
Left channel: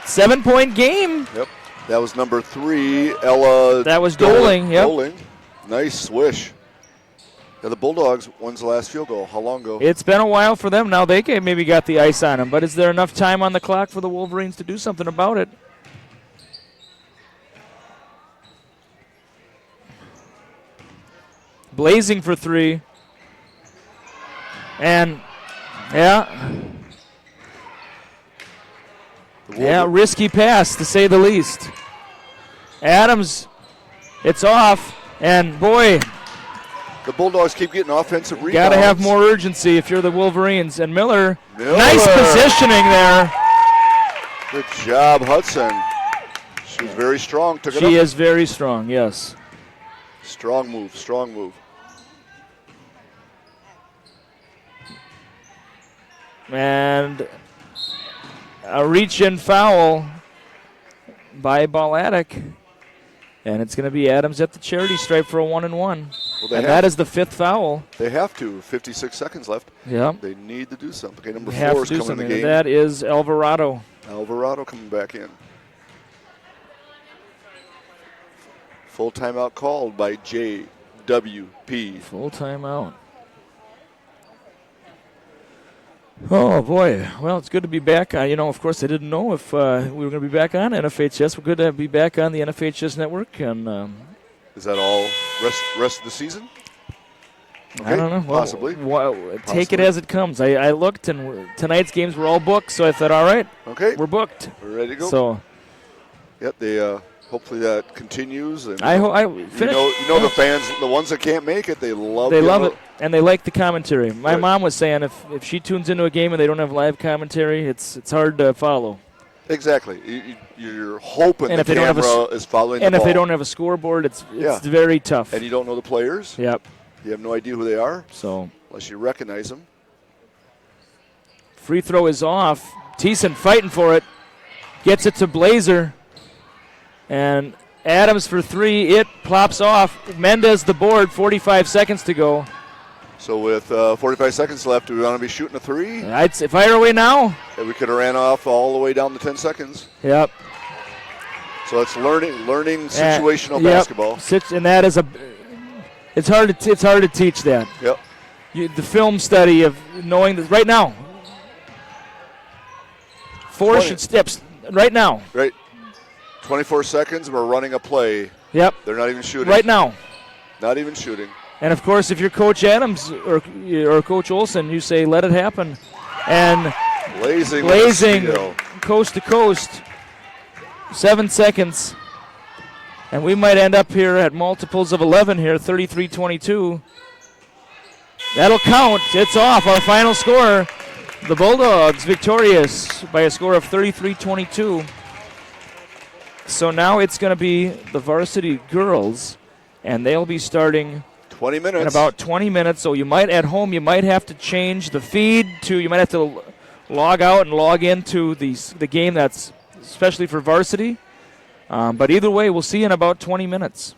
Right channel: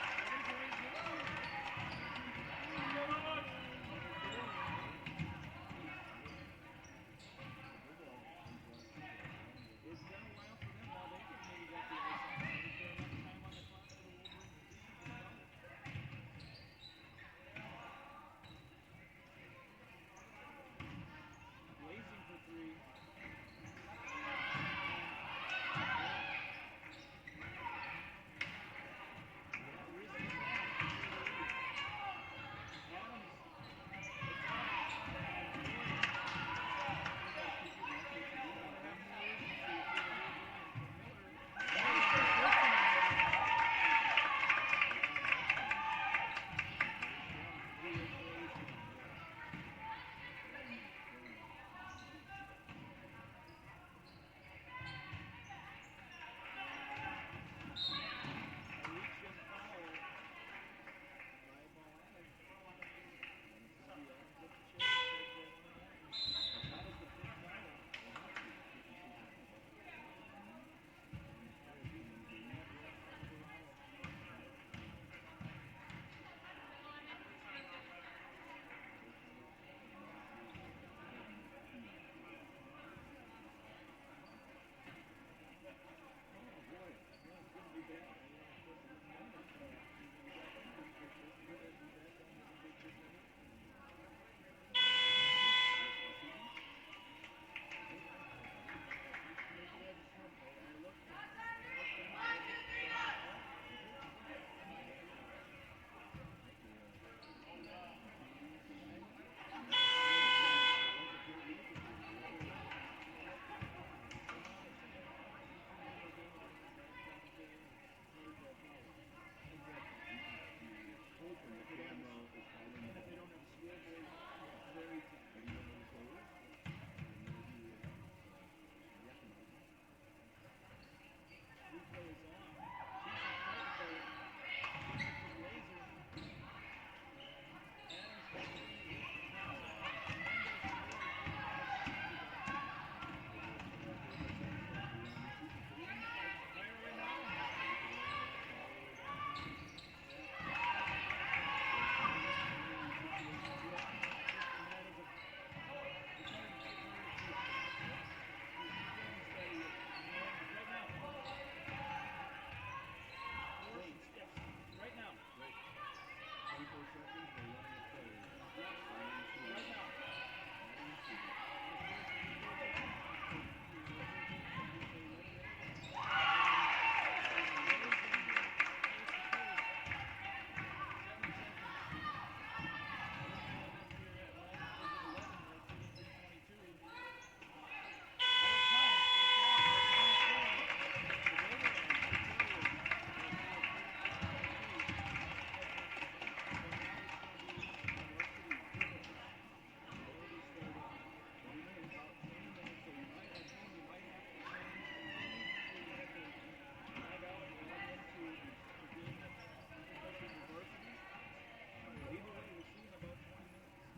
7-point game. Yep, that was number 3, Ella. That was Doling, yep. Doling. Nice swish. Now the Bulldogs, when's the last field goal? How long ago? It's been a while for them. Now they maybe got the ice on them, but is there enough time on the clock for the Wolverines to do something about it? Blazing for 3. And, yeah, risky pass to say the least. Adams, it's off, and boy, the Bulldogs keep getting offensive rebounds. Got to have more urgency if you're the Wolverines. And Miller, nice positioning there. Good job, Hudson. She's very strong. She is very strong, yes. Strong move, strong move. And a reach-in foul by Balatic. And it's going to be Adams at the charity stripe for a 1-and-1. Well, and that is the 5th foul. They have to. 56 seconds left. Yeah. They need to do something. Okay, number 4 4 is coming in the game. That is Alvarado. Alvarado coming back in. Full timeout called by JWP. Full timeout. Oh, boy. Well, it's good to be back. Of course, I didn't know if we were going to be back on NFHS. We're good to be back on the NFHS network. And is that all rest of the season? Okay, I don't know. Possibly. Take it as it comes. I looked, and tonight's games were all booked, so I thought, all right, okay, we're booked. We're ready to go. So, yep, they hopefully that continues. And the fans, the ones that can't make it, they love it, and they like the commentary. My mom was saying if she tunes into a game and they don't have live commentary, it's hard to follow. Exactly. You're hoping the camera is following the ball. And if they don't have a scoreboard, it's very tough. And you don't know the players. Yep. You have no idea who they are. So unless you recognize them. Free throw is off. Thiessen fighting for it. Gets it to Blazer. And Adams for 3. It plops off. Mendez the board. 45 seconds to go. So with 45 seconds left, do we want to be shooting a 3? I'd say fire away now. Yeah, we could have ran off all the way down to 10 seconds. Yep. So it's learning situational basketball. And that is it's hard to teach that. Yep. The film study of knowing that right now. 4 steps right now. Right. 24 seconds. We're running a play. Yep. They're not even shooting. Right now. Not even shooting. And of course, if you're Coach Adams or Coach Olson, you say, "Let it happen." And blazing coast to coast. 7 seconds. And we might end up here at multiples of 11 here, 33-22. That'll count. It's off. Our final score, the Bulldogs victorious by a score of 33-22. So now it's going to be the varsity girls, and they'll be starting 20 minutes. In about 20 minutes. So you might have to change the feed you might have to log out and log into the game that's especially for varsity. But either way, we'll see you in about 20 minutes.